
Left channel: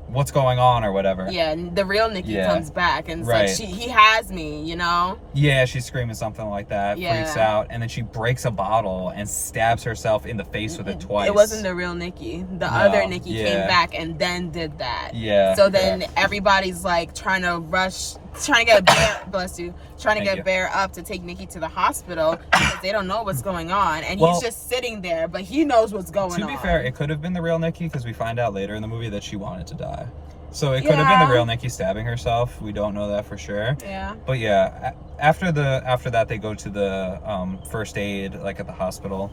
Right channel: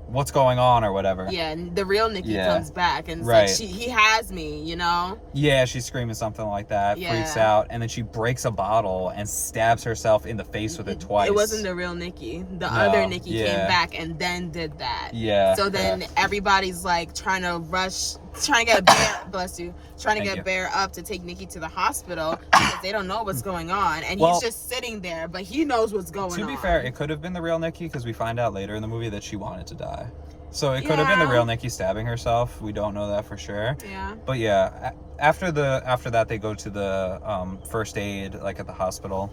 What's going on or whatever. Yeah, and the real Nikki comes back and it's like he has me, you know? Yeah, she's screaming something like that, freaks out, and then she breaks a bottle and stabs herself in the face with it twice. It wasn't the real Nikki. The other Nikki came back and then did that. Yeah. So then everybody's like trying to get Bear, bless you, trying to get Bear up to take Nikki to the hospital because they don't know what's going on. And he's just sitting there, but he knows what's going on. To be fair, it could have been the real Nikki because we find out later in the movie that she wanted to die. So it could have been the real Nikki stabbing herself. We don't know that for sure. Yeah. But yeah, after that they go to the first aid like at the hospital.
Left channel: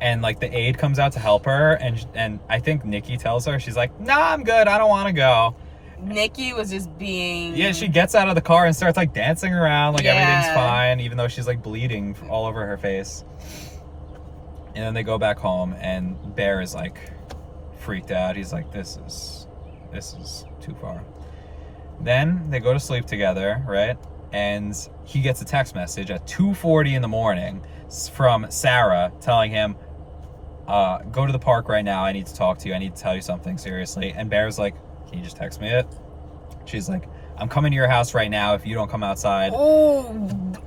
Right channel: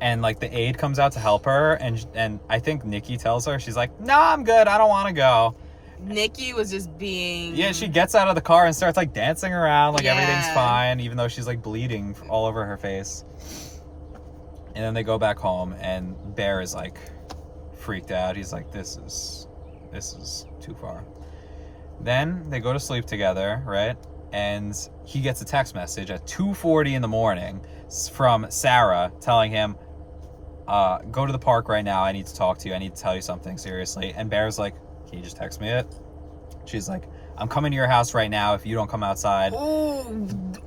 And like the aide comes out to help her and I think Nikki tells her, she's like, "No, I'm good. I don't want to go." Nikki was just being... Yeah, she gets out of the car and starts like dancing around like everything's fine, even though she's like bleeding all over her face. And then they go back home and Bear is like freaked out. He's like, this is too far. Then they go to sleep together, right? And he gets a text message at 2:40 in the morning from Sarah telling him, go to the park right now. I need to talk to you. I need to tell you something seriously. And Bear's like, "Can you just text me it?" She's like, "I'm coming to your house right now if you don't come outside."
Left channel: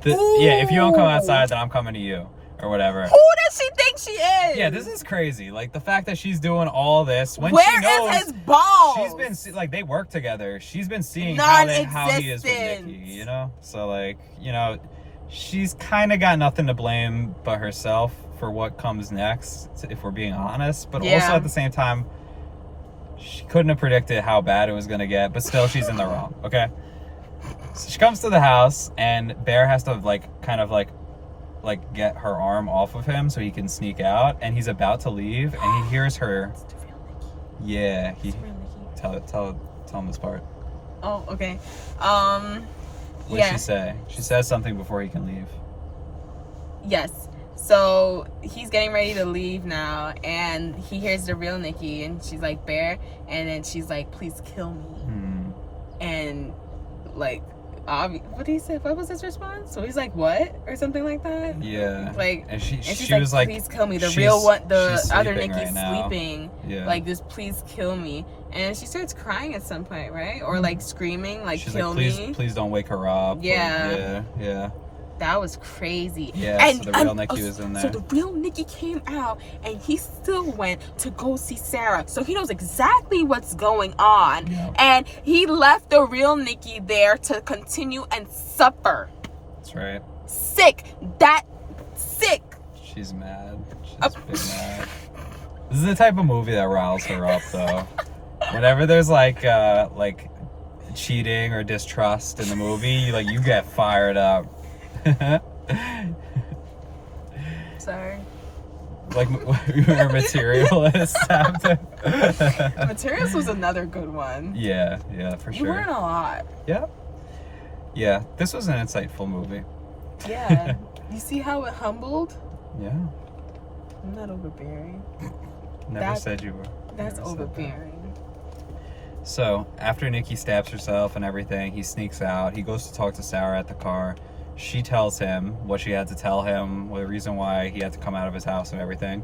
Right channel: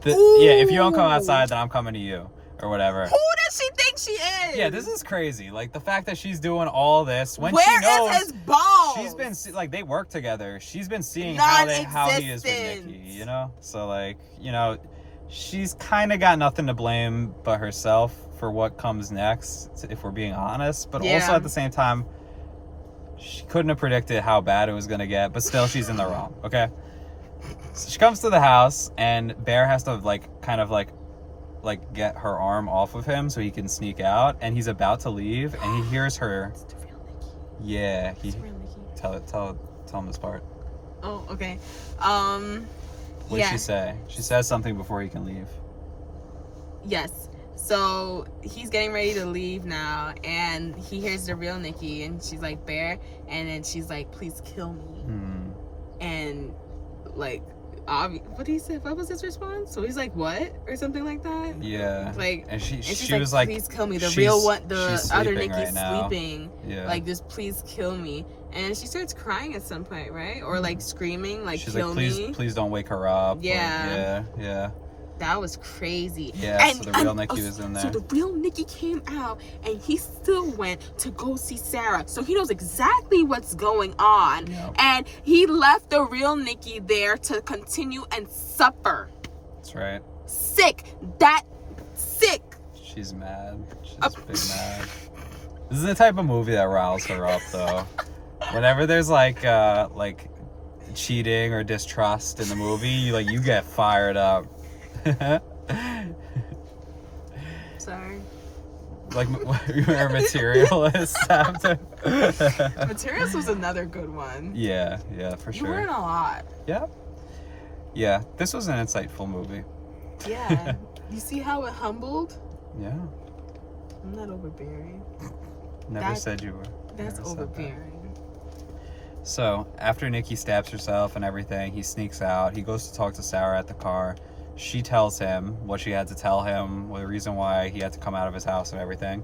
If you don't come outside, then I'm coming to you. Or whatever. Who does she think she is? Yeah, this is crazy. Like, the fact that she's doing all this when Where she knows... is his balls? She's been, like, they work together. She's been seeing how he is with Nikki, you know? So, like, you know, she's kind of got nothing to blame but herself for what comes next, if we're being honest. But also, at the same time, she couldn't have predicted how bad it was going to get, but still, she's in the wrong, okay? So she comes to the house, and Bear has to, like, kind of, like get her arm off of him so he can sneak out, and he's about to leave and he hears her. It's the real Nikki. Yeah, it's the real Nikki. tell him this part. Oh, okay. What did she say? She says something before he can leave. Yes. So he's getting ready to leave now, and he hears the real Nikki, and she's like, Bear, and then she's like, please kill me. And like, what did he say? What was his response? So he's like, what? Or something like that? Yeah. Like, and she she's was like, please kill me. The real one, the other Nikki's right sleeping. Yeah. Like, just please kill me. And she starts crying at some point, right? Or like screaming, like, she's kill like, me. Please don't wake her up. Yeah. Yeah. That was crazy. Yeah, and, so the real Nikki was in there. So the real Nikki came out, and he still went to go see Sarah. So he knows exactly what's going on. Yep. And he left the real Nikki there to continue and suffer. That's right. Sick. She's mad. She's big mad. This is the type of movie that riles her up, though. Whenever there's like cheating or distrust in the movie, you get fired up. Sorry. Like, remember Materialist? Materialist was another good one. Yeah, for sure. You learn a lot. Yeah. This was an insightful movie. Yeah. You see how it humbled? Yeah. I'm not overbearing. Never said you were. That's overbearing. So, after Nikki stabs herself and everything, he sneaks out. He goes to talk to Sarah at the car. She tells him what she had to tell him, the reason why he had to come out of his house and everything,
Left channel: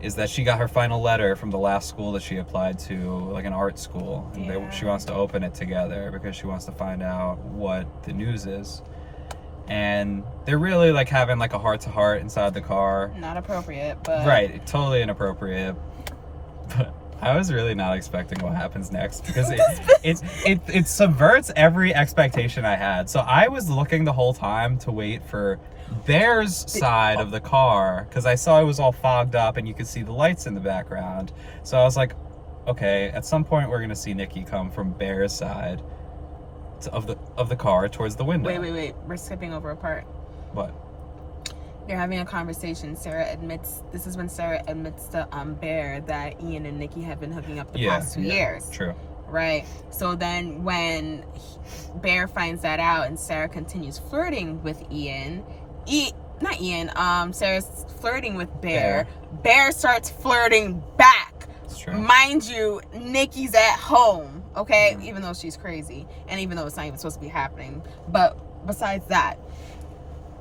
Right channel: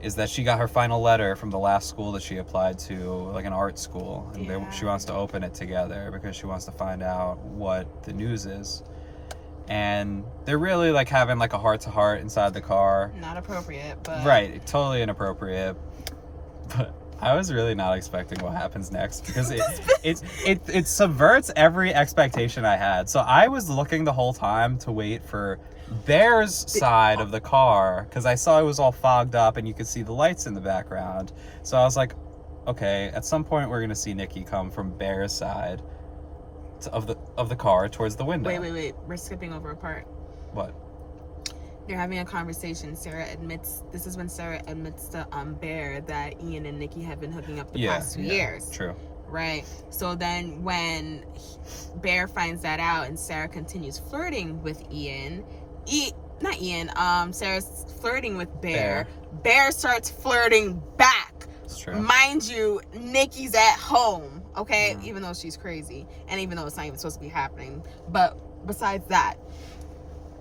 is that she got her final letter from the last school that she applied to, like an art school. And she wants to open it together because she wants to find out what the news is. And they're really like having like a heart-to-heart inside the car. Not appropriate, but... Right, totally inappropriate. But I was really not expecting what happens next because it subverts every expectation I had. So I was looking the whole time to wait for Bear's side of the car because I saw it was all fogged up and you could see the lights in the background. So I was like, okay, at some point we're gonna see Nikki come from Bear's side of the car towards the window. Wait. We're skipping over a part. What? They're having a conversation. This is when Sarah admits to Bear that Ian and Nikki have been hooking up the past 2 years. True. Right. So then when Bear finds that out and Sarah continues flirting with Sarah's flirting with Bear. Bear starts flirting back. It's true. Mind you, Nikki's at home, okay? Even though she's crazy and even though it's not even supposed to be happening. But besides that,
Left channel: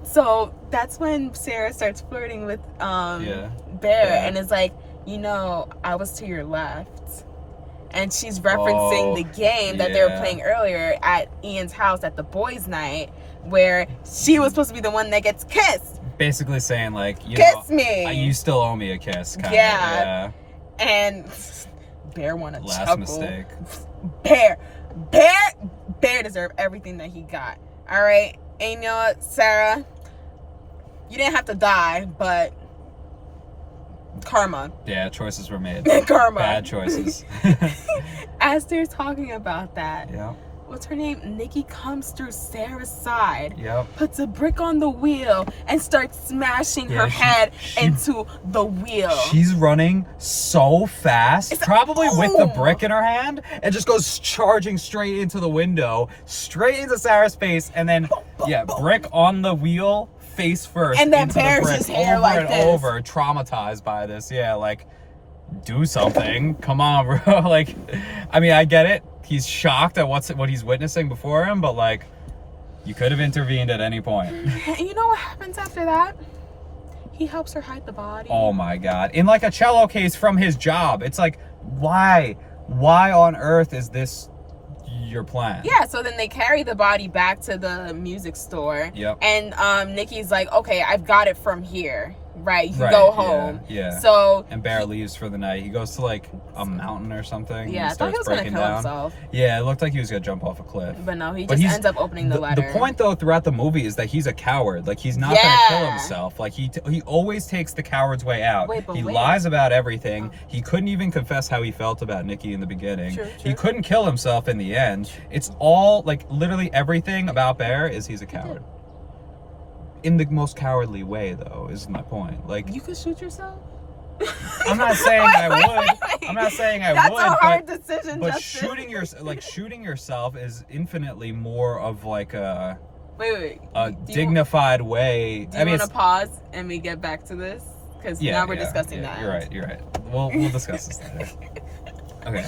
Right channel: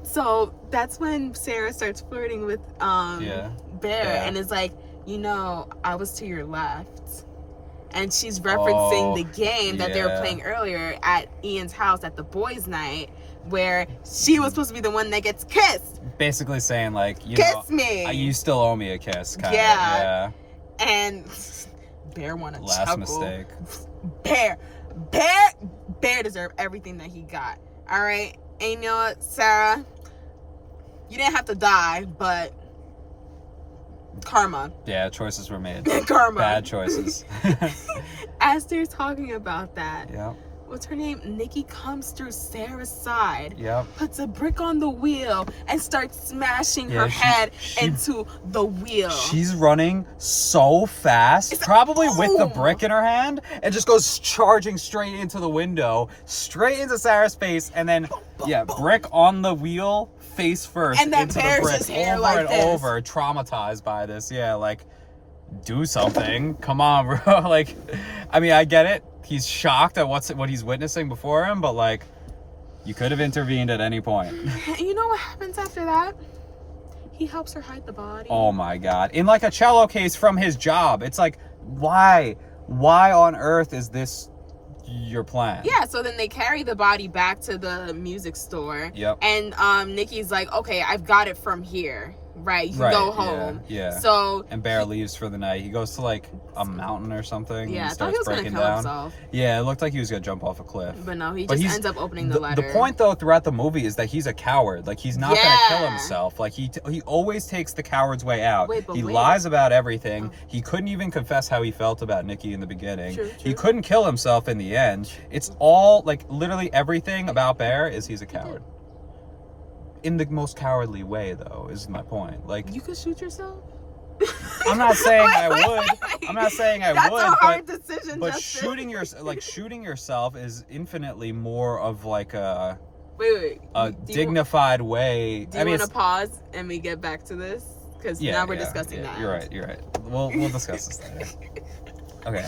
so that's when Sarah starts flirting with Bear and is like, I was to your left. And she's referencing the game that they were playing earlier at Ian's house at the boys' night where she was supposed to be the one that gets kissed. Basically saying like, kiss me. You still owe me a kiss, kind of. Yeah. And Bear wanna chuckle. Mistake. Bear deserved everything that he got. All right. And you know what, Sarah? You didn't have to die, but karma. Yeah, choices were made. Karma. Bad choices. As they're talking about that, yep. What's her name? Nikki comes through Sarah's side, yep. puts a brick on the wheel, and starts smashing her head into the wheel. She's running so fast, probably with the brick in her hand, and just goes charging straight into the window, straight into Sarah's face, and then, brick on the wheel, face first, and then into the brick, his hair over like and this. over, traumatized by this. Yeah, like, do something. Come on, bro. Like, I mean, I get it. He's shocked at what he's witnessing before him, but like, you could have intervened at any point. You know what happens after that? He helps her hide the body. Oh my God. In like a cello case from his job. It's like, why? Why on earth is this your plan? Yeah, so then they carry the body back to the music store. Yep. And Nikki's like, okay, I've got it from here. Right, you go home. Yeah. So and Bear leaves for the night. He goes to like a mountain or something. Yeah, I thought he was gonna kill himself. Yeah, it looked like he was gonna jump off a cliff. But no, he just ends up opening the letter. The point though throughout the movie is that he's a coward. Like he's not gonna kill himself. Like he always takes the coward's way out. He lies about everything. He couldn't even confess how he felt about Nikki in the beginning. True. He couldn't kill himself in the end. It's all like literally everything about Bear is he's a coward. In the most cowardly way, though, is my point. Like, you could shoot yourself? I'm not saying I would. Wait. I'm not saying I That's would. a hard decision, But Justin. shooting yourself is infinitely more of like a Wait. dignified way. Do you want to pause and we get back to this? Because now we're discussing that. You're right. We'll discuss this later. Okay.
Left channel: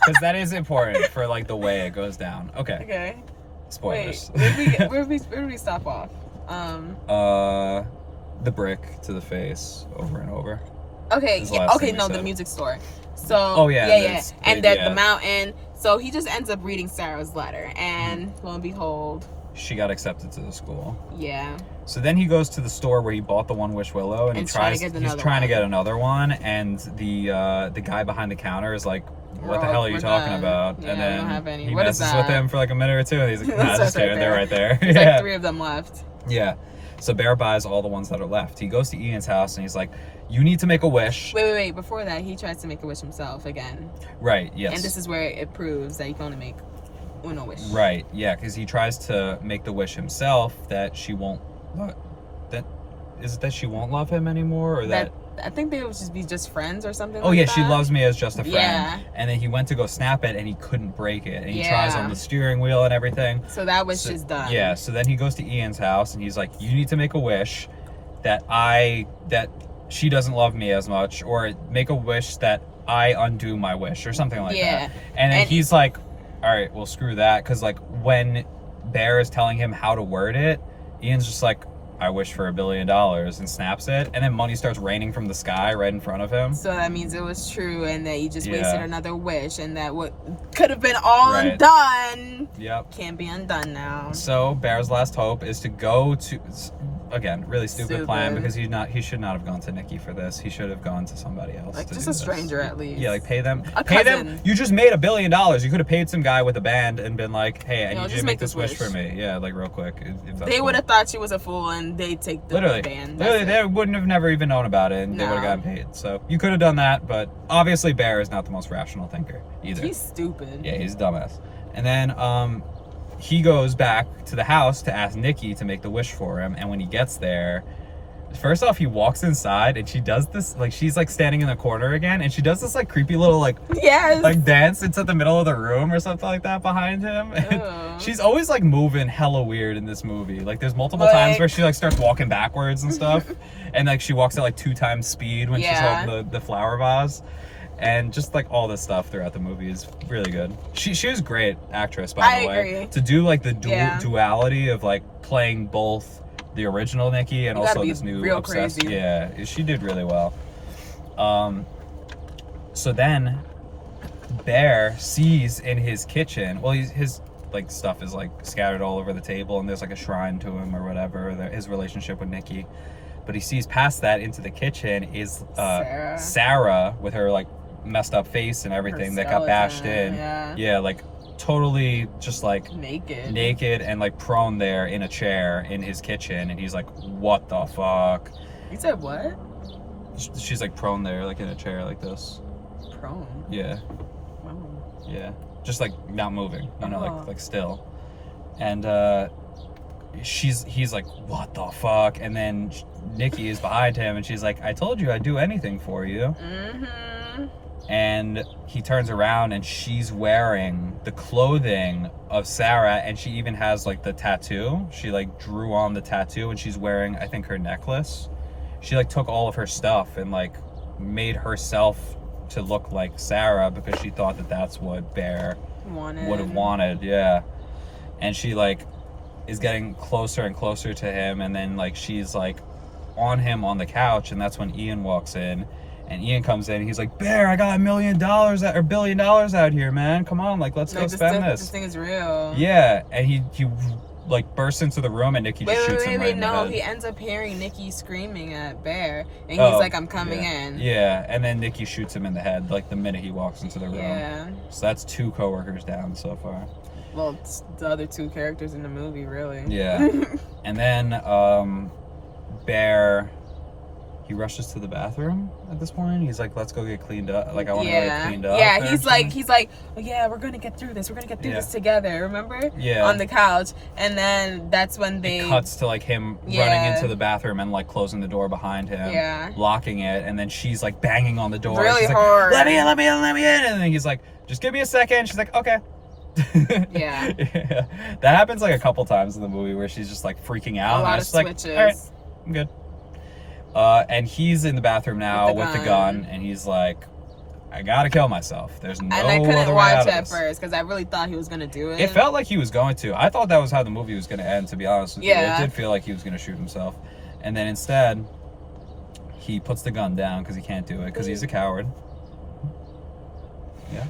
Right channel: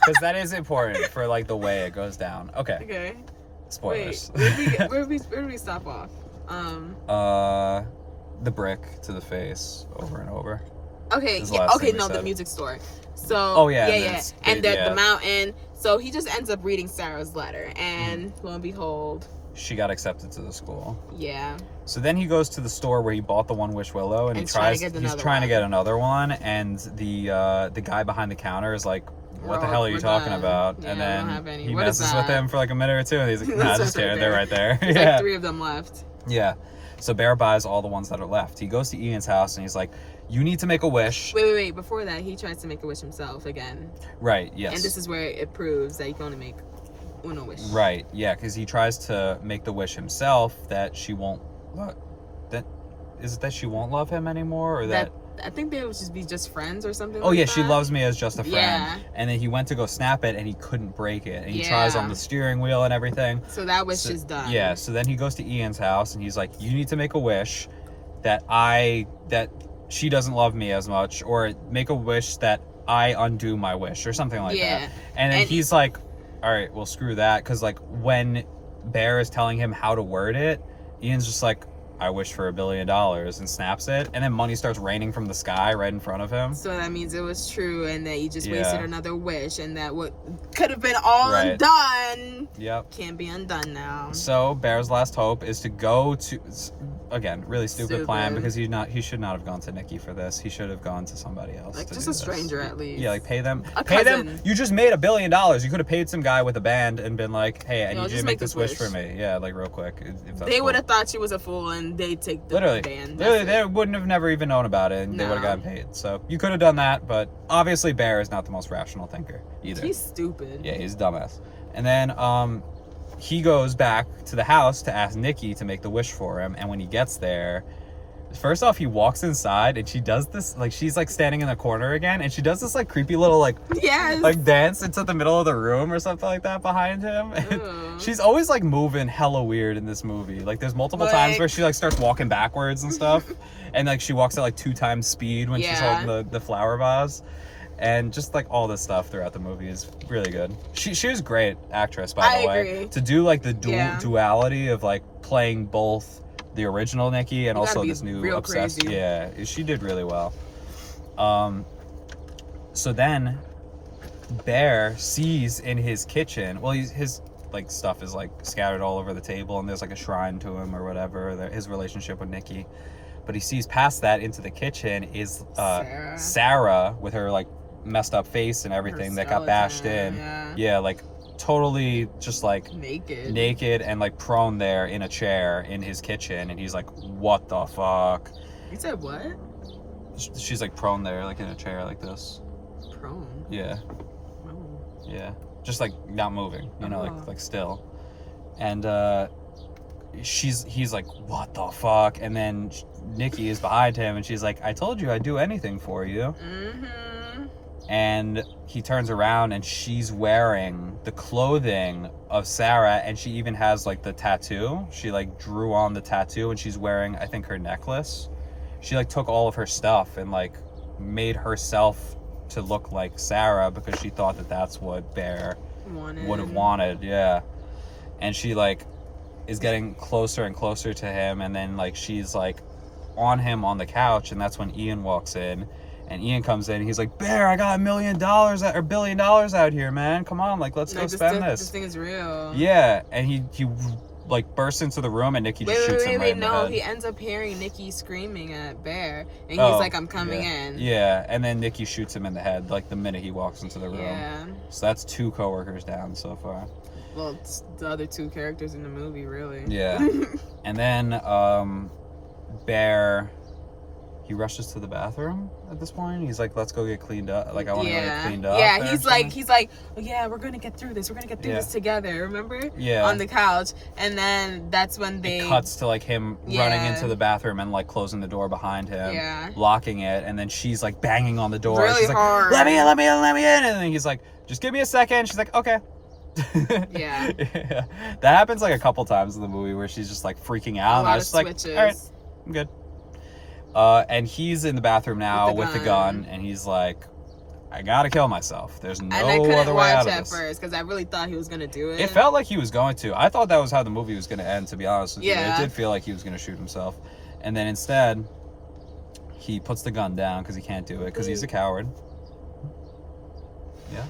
Because that is important for like the way it goes down. Okay. Spoilers. Wait, where did we stop off? The brick to the face over and over. Okay, the music store. So and the mountain. So he just ends up reading Sarah's letter, and lo and behold, she got accepted to the school. Yeah. So then he goes to the store where he bought the One Wish Willow, and he's trying to get another one, and the guy behind the counter is like, "What the hell are you talking about?" Yeah, and then I don't have any. he What is messes that? with him for like a minute or two, and he's like, "Nah, just kidding, they're right there." There's like 3 of them left. Yeah. So Bear buys all the ones that are left. He goes to Ian's house and he's like, "You need to make a wish." Wait. Before that, he tries to make a wish himself again. Right. Yes. And this is where it proves that you can only make uno wish. Right. Yeah, because he tries to make the wish himself that she won't. That she won't love him anymore, or that I think they would just be friends or something. Oh, like yeah, that. she loves me as just a friend. Yeah. And then he went to go snap it and he couldn't break it. And he tries on the steering wheel and everything. So that wish is done. Yeah, so then he goes to Ian's house and he's like, "You need to make a wish that she doesn't love me as much, or make a wish that I undo my wish," or something like that. And then he's like, "All right, well, screw that." Because like when Bear is telling him how to word it, Ian's just like, "I wish for $1 billion," and snaps it, and then money starts raining from the sky right in front of him. So that means it was true, and that you just wasted another wish, and that what could have been all undone can't be undone now. So Bear's last hope is to go to, again, really stupid plan, because he should not have gone to Nikki for this. He should have gone to somebody else. Like just a stranger at least. Yeah, like pay them. Cousin. You just made $1 billion. You could have paid some guy with a band and been like, "Hey, I need you to make this wish for me." Yeah, like real quick. If that's they would have thought she was a fool, and they'd take the band. Literally, they wouldn't have never even known about it, and they would have gotten paid. So you could have done that, but obviously Bear is not the most rational thinker either. He's stupid. Yeah, he's a dumbass. And then he goes back to the house to ask Nikki to make the wish for him, and when he gets there, first off, he walks inside and she does this, like, she's like standing in the corner again, and she does this like creepy little like dance into the middle of the room or something like that behind him. And she's always like moving hella weird in this movie. Like there's multiple times where she like starts walking backwards and stuff, and like she walks at like 2 times speed when she's holding the flower vase. And just like all this stuff throughout the movie is really good. She was a great actress, by the way. Agree. To do like the duality of like playing both the original Nikki and also this new obsessed. Crazy. Yeah, she did really well. So then Bear sees in his kitchen, well, his like stuff is like scattered all over the table, and there's like a shrine to him or whatever, his relationship with Nikki. But he sees past that into the kitchen is Sarah with her like messed up face and everything that got bashed in. Yeah, like totally just like naked and like prone there in a chair in his kitchen, and he's like, "What the fuck?" You said what? She's like prone there, like in a chair like this. Prone? Yeah. Oh. Yeah, just like not moving, you know, like still. And he's like, "What the fuck?" And then Nikki is behind him, and she's like, "I told you I'd do anything for you." And he turns around and she's wearing the clothing of Sarah, and she even has like the tattoo. She like drew on the tattoo, and she's wearing, I think, her necklace. She like took all of her stuff and like made herself to look like Sarah because she thought that that's what Bear would have wanted. Yeah. And she like is getting closer and closer to him, and then like she's like on him on the couch, and that's when Ian walks in. And Ian comes in and he's like, "Bear, I got $1 billion out here, man. Come on, like let's go spend this. This thing is real." Yeah, and he like bursts into the room, and Nikki just shoots him right in the head. He ends up hearing Nikki screaming at Bear, and he's like, "I'm coming in." Yeah, and then Nikki shoots him in the head like the minute he walks into the room. Yeah. So that's 2 coworkers down so far. Well, it's the other 2 characters in the movie, really. Yeah. And then Bear he rushes to the bathroom at this point. He's like, let's go get cleaned up. Like, I want to get cleaned up. Yeah, he's like, oh, yeah, we're going to get through this. We're going to get through this together. Remember? Yeah. On the couch. And then that's when they... It cuts to, like, him running into the bathroom and, like, closing the door behind him. Yeah. Locking it. And then she's, like, banging on the door. Really she's hard. Like, let me in, let me in, let me in. And then he's like, just give me a second. She's like, okay. Yeah. That happens, like, a couple times in the movie where she's just, like, freaking out. A lot of switches. Like, all right, I'm good. And he's in the bathroom now with the gun, and he's like, I gotta kill myself. There's no other way out of this. And I couldn't watch at first because I really thought he was gonna do it. It felt like he was going to. I thought that was how the movie was gonna end, to be honest with you. It did feel like he was gonna shoot himself. And then instead, he puts the gun down because he can't do it because he's a coward. Yeah.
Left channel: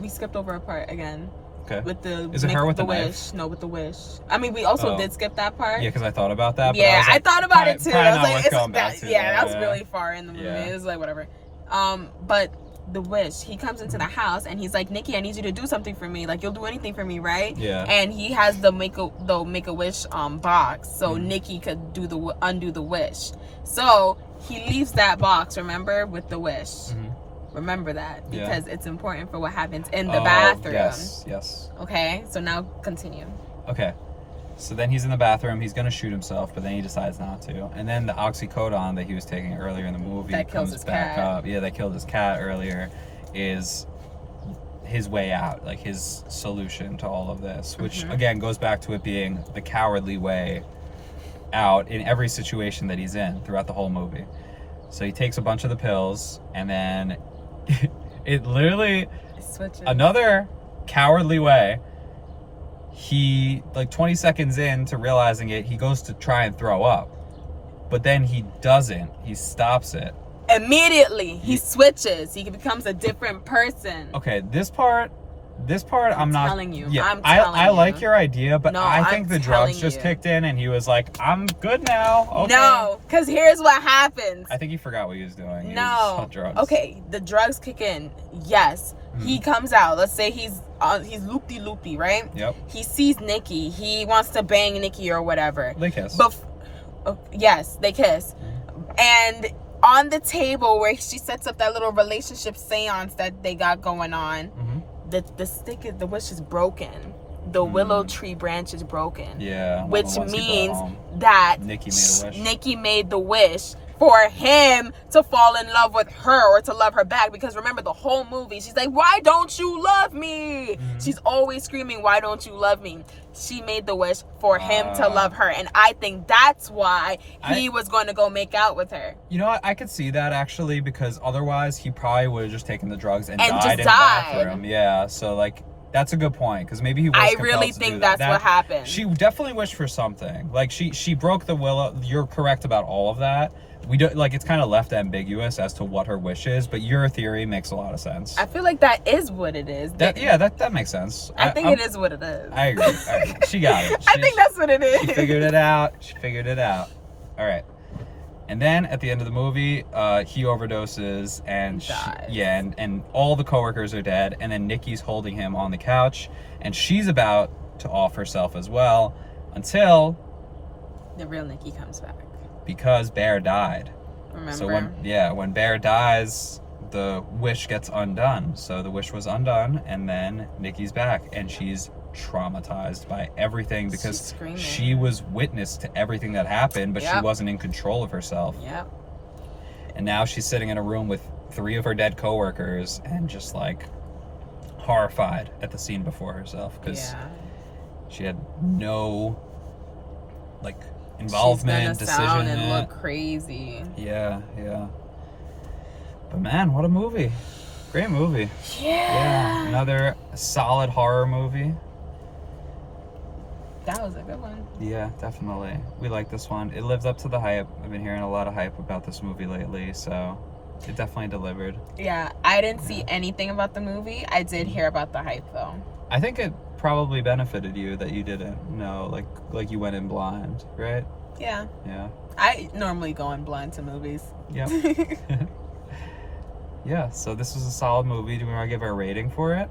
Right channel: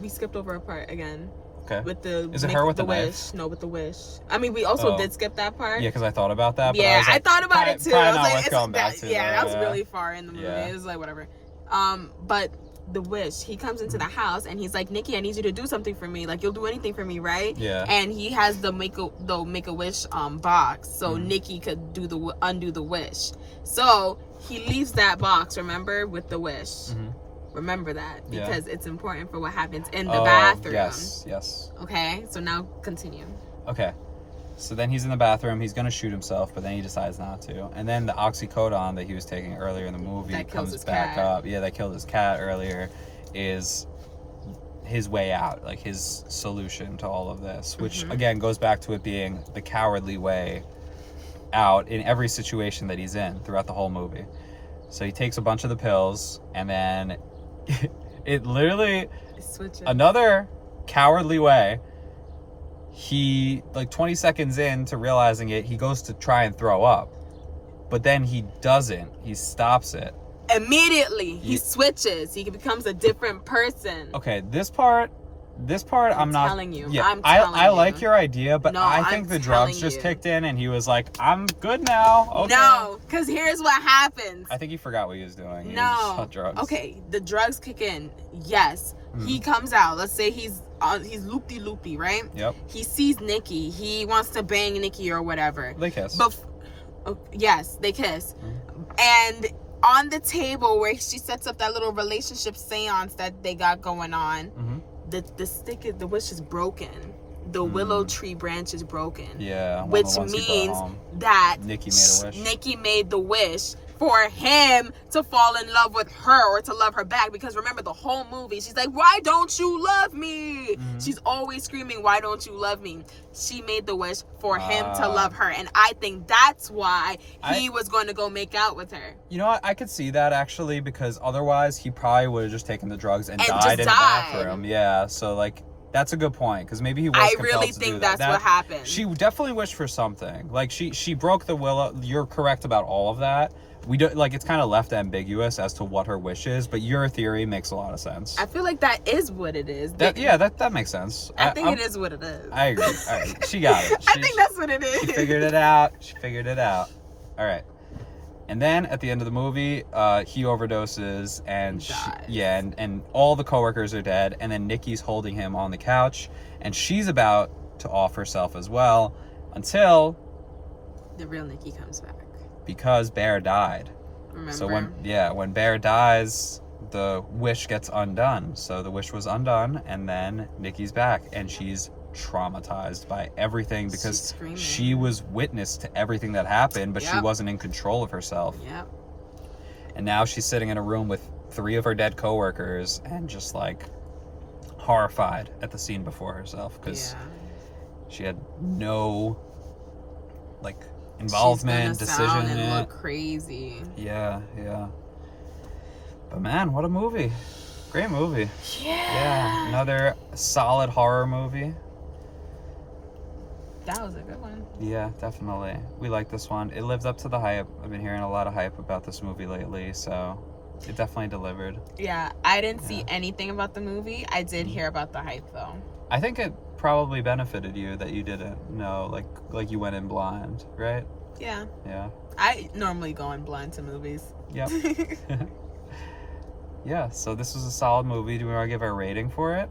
We skipped over a part again. Okay. With the Is it her with the wish? knife? No, with the wish. I mean, we also did skip that part. Yeah, because I thought about that. But yeah, I thought about it too. I was like, that was really far in the movie. It was like whatever. But the wish, he comes into the house and he's like, Nikki, I need you to do something for me. Like, you'll do anything for me, right? Yeah. And he has the make a wish box, so Nikki could undo the wish. So he leaves that box, remember, with the wish. Remember that because it's important for what happens in the bathroom. Yes. Okay, so now continue. Okay, so then he's in the bathroom. He's gonna shoot himself, but then he decides not to. And then the oxycodone that he was taking earlier in the movie that comes back up. Yeah, that killed his cat earlier. Is his way out, like his solution to all of this, which again goes back to it being the cowardly way out in every situation that he's in throughout the whole movie. So he takes a bunch of the pills, and then it literally another cowardly way. He, like 20 seconds into realizing it, he goes to try and throw up, but then he doesn't. He stops it immediately. He switches. He becomes a different person. Okay, this part I'm not telling you. Yeah, I'm telling you. I like your idea, but no, I think the drugs just kicked in and he was like, I'm good now. Okay. No, because here's what happens. I think he forgot what he was doing. No. He was drugs. Okay, the drugs kick in. Yes. He comes out. Let's say he's loopy-loopy, right? Yep. He sees Nikki. He wants to bang Nikki or whatever. They kiss. Yes, they kiss. And on the table where she sets up that little relationship seance that they got going on, the wish is broken. The willow tree branch is broken. Yeah. Which means that Nikki made the wish for him to fall in love with her or to love her back. Because remember, the whole movie, she's like, why don't you love me? She's always screaming, why don't you love me? She made the wish for him to love her. And I think that's why he was going to go make out with her. You know what? I could see that actually, because otherwise he probably would have just taken the drugs and died in the bathroom. Yeah. So like, that's a good point, because maybe he was compelled to do that. I really think that's what happened. She definitely wished for something. Like she broke the willow. You're correct about all of that. We don't, like, it's kind of left ambiguous as to what her wish is, but your theory makes a lot of sense. I feel like that is what it is. That makes sense. I think it is what it is. I agree. All right. She got it. I think that's what it is. She figured it out. All right. And then at the end of the movie, he overdoses and and all the coworkers are dead. And then Nikki's holding him on the couch, and she's about to off herself as well, until the real Nikki comes back. Because Bear died. Remember? So when Bear dies, the wish gets undone. So the wish was undone, and then Nikki's back, and she's traumatized by everything because she was witness to everything that happened, but she wasn't in control of herself. Yep. And now she's sitting in a room with 3 of her dead coworkers and just like horrified at the scene before herself because she had no like involvement, decision. Sound and look crazy. Yeah. But man, what a movie. Great movie. Yeah. Another solid horror movie. That was a good one. Yeah, definitely. We like this one. It lived up to the hype. I've been hearing a lot of hype about this movie lately, so it definitely delivered. Yeah, I didn't see anything about the movie. I did hear about the hype though. I think it probably benefited you that you didn't know, like you went in blind, right? Yeah. Yeah. I normally go in blind to movies. Yep. Yeah, so this was a solid movie. Do we want to give our rating for it?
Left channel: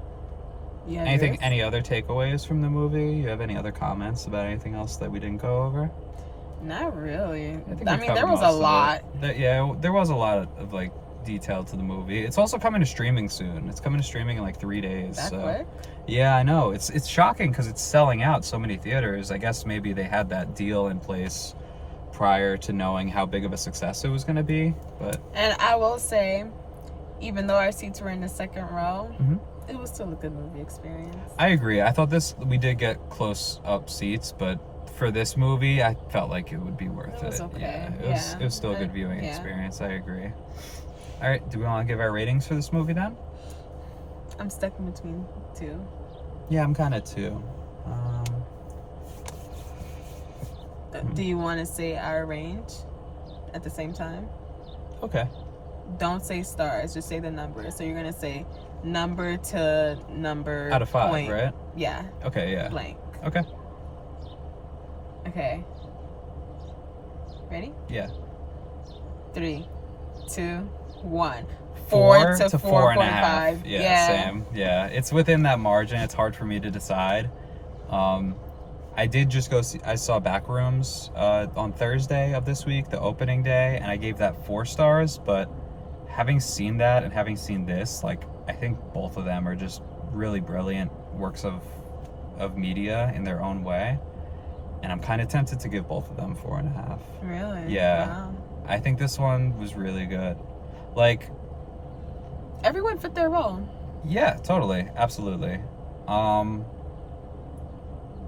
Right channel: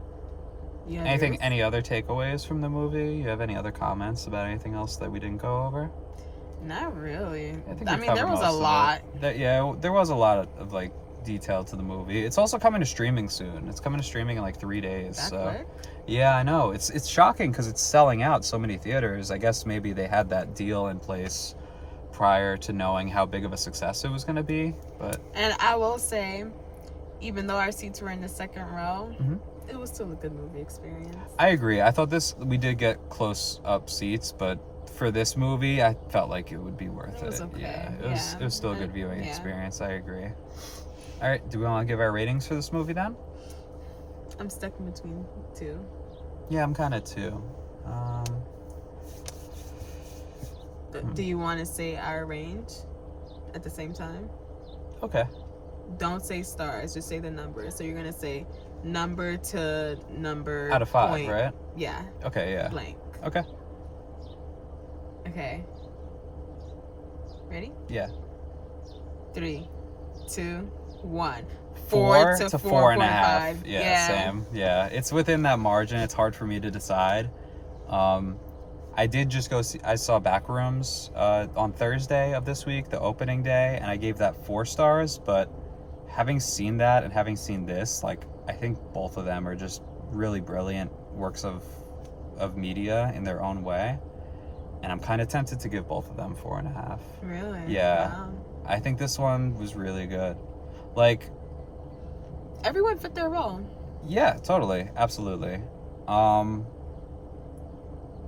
Yeah. Any other takeaways from the movie? You have any other comments about anything else that we didn't go over? Not really. I think I we mean, covered there was a most of lot. it. There was a lot of like detail to the movie. It's also coming to streaming soon. It's coming to streaming in like 3 days. That So quick? yeah, I know. It's shocking because it's selling out so many theaters. I guess maybe they had that deal in place prior to knowing how big of a success it was going to be. But And I will say, even though our seats were in the second row, Mhm. it was still a good movie experience. I agree. I thought we did get close up seats, but for this movie, I felt like it would be worth it. It was okay. Yeah, it was still a good viewing Yeah. experience. I agree. All right, do we want to give our ratings for this movie then? I'm stuck in between two. Yeah, I'm kind of too. Do you want to say our range at the same time? Okay. Don't say stars, just say the number. So you're going to say number to number. Out of 5, point. right? Yeah. Okay, yeah. Blank. Okay. Okay. Ready? Yeah. 3, 2, 1. 4 to 4.5. Yeah, Yeah. same. Yeah, it's within that margin. It's hard for me to decide. I did just go see. I saw Backrooms on Thursday of this week, the opening day, and I gave that 4 stars. But having seen that and having seen this, like, I think both of them are just really brilliant works of media in their own way. And I'm kind of tempted to give both of them 4.5. Really? Yeah. Wow. I think this one was really good. Like, Everyone fit their role. yeah, totally, absolutely.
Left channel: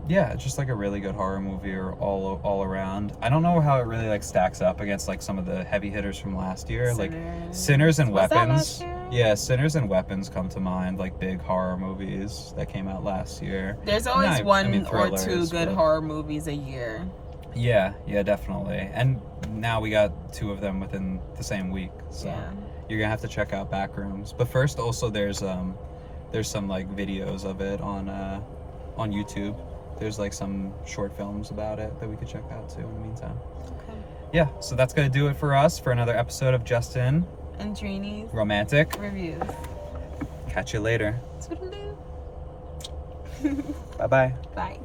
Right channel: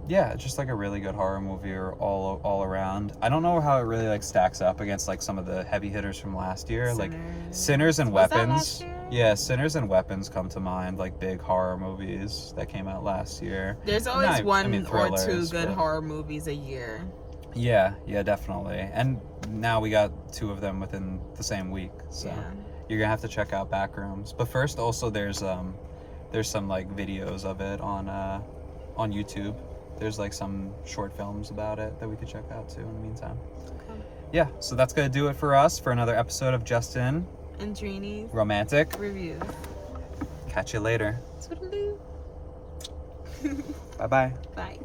Yeah, it's just like a really good horror movie all around. I don't know how it really like stacks up against like some of the heavy hitters from last year, like Sinners and Was that Weapons. last year? Yeah, Sinners and Weapons come to mind, like big horror movies that came out last year. There's always I mean, one or two thrillers, good but- horror movies a year. Yeah, definitely. And now we got 2 of them within the same week, so Yeah. you're gonna have to check out Backrooms. But first, also there's some like videos of it on YouTube. There's like some short films about it that we could check out too in the meantime. Okay. Yeah, so that's gonna do it for us for another episode of Johnston And Dreeny Romantic. reviews. Catch you later. Toodaloo. Bye bye. Bye.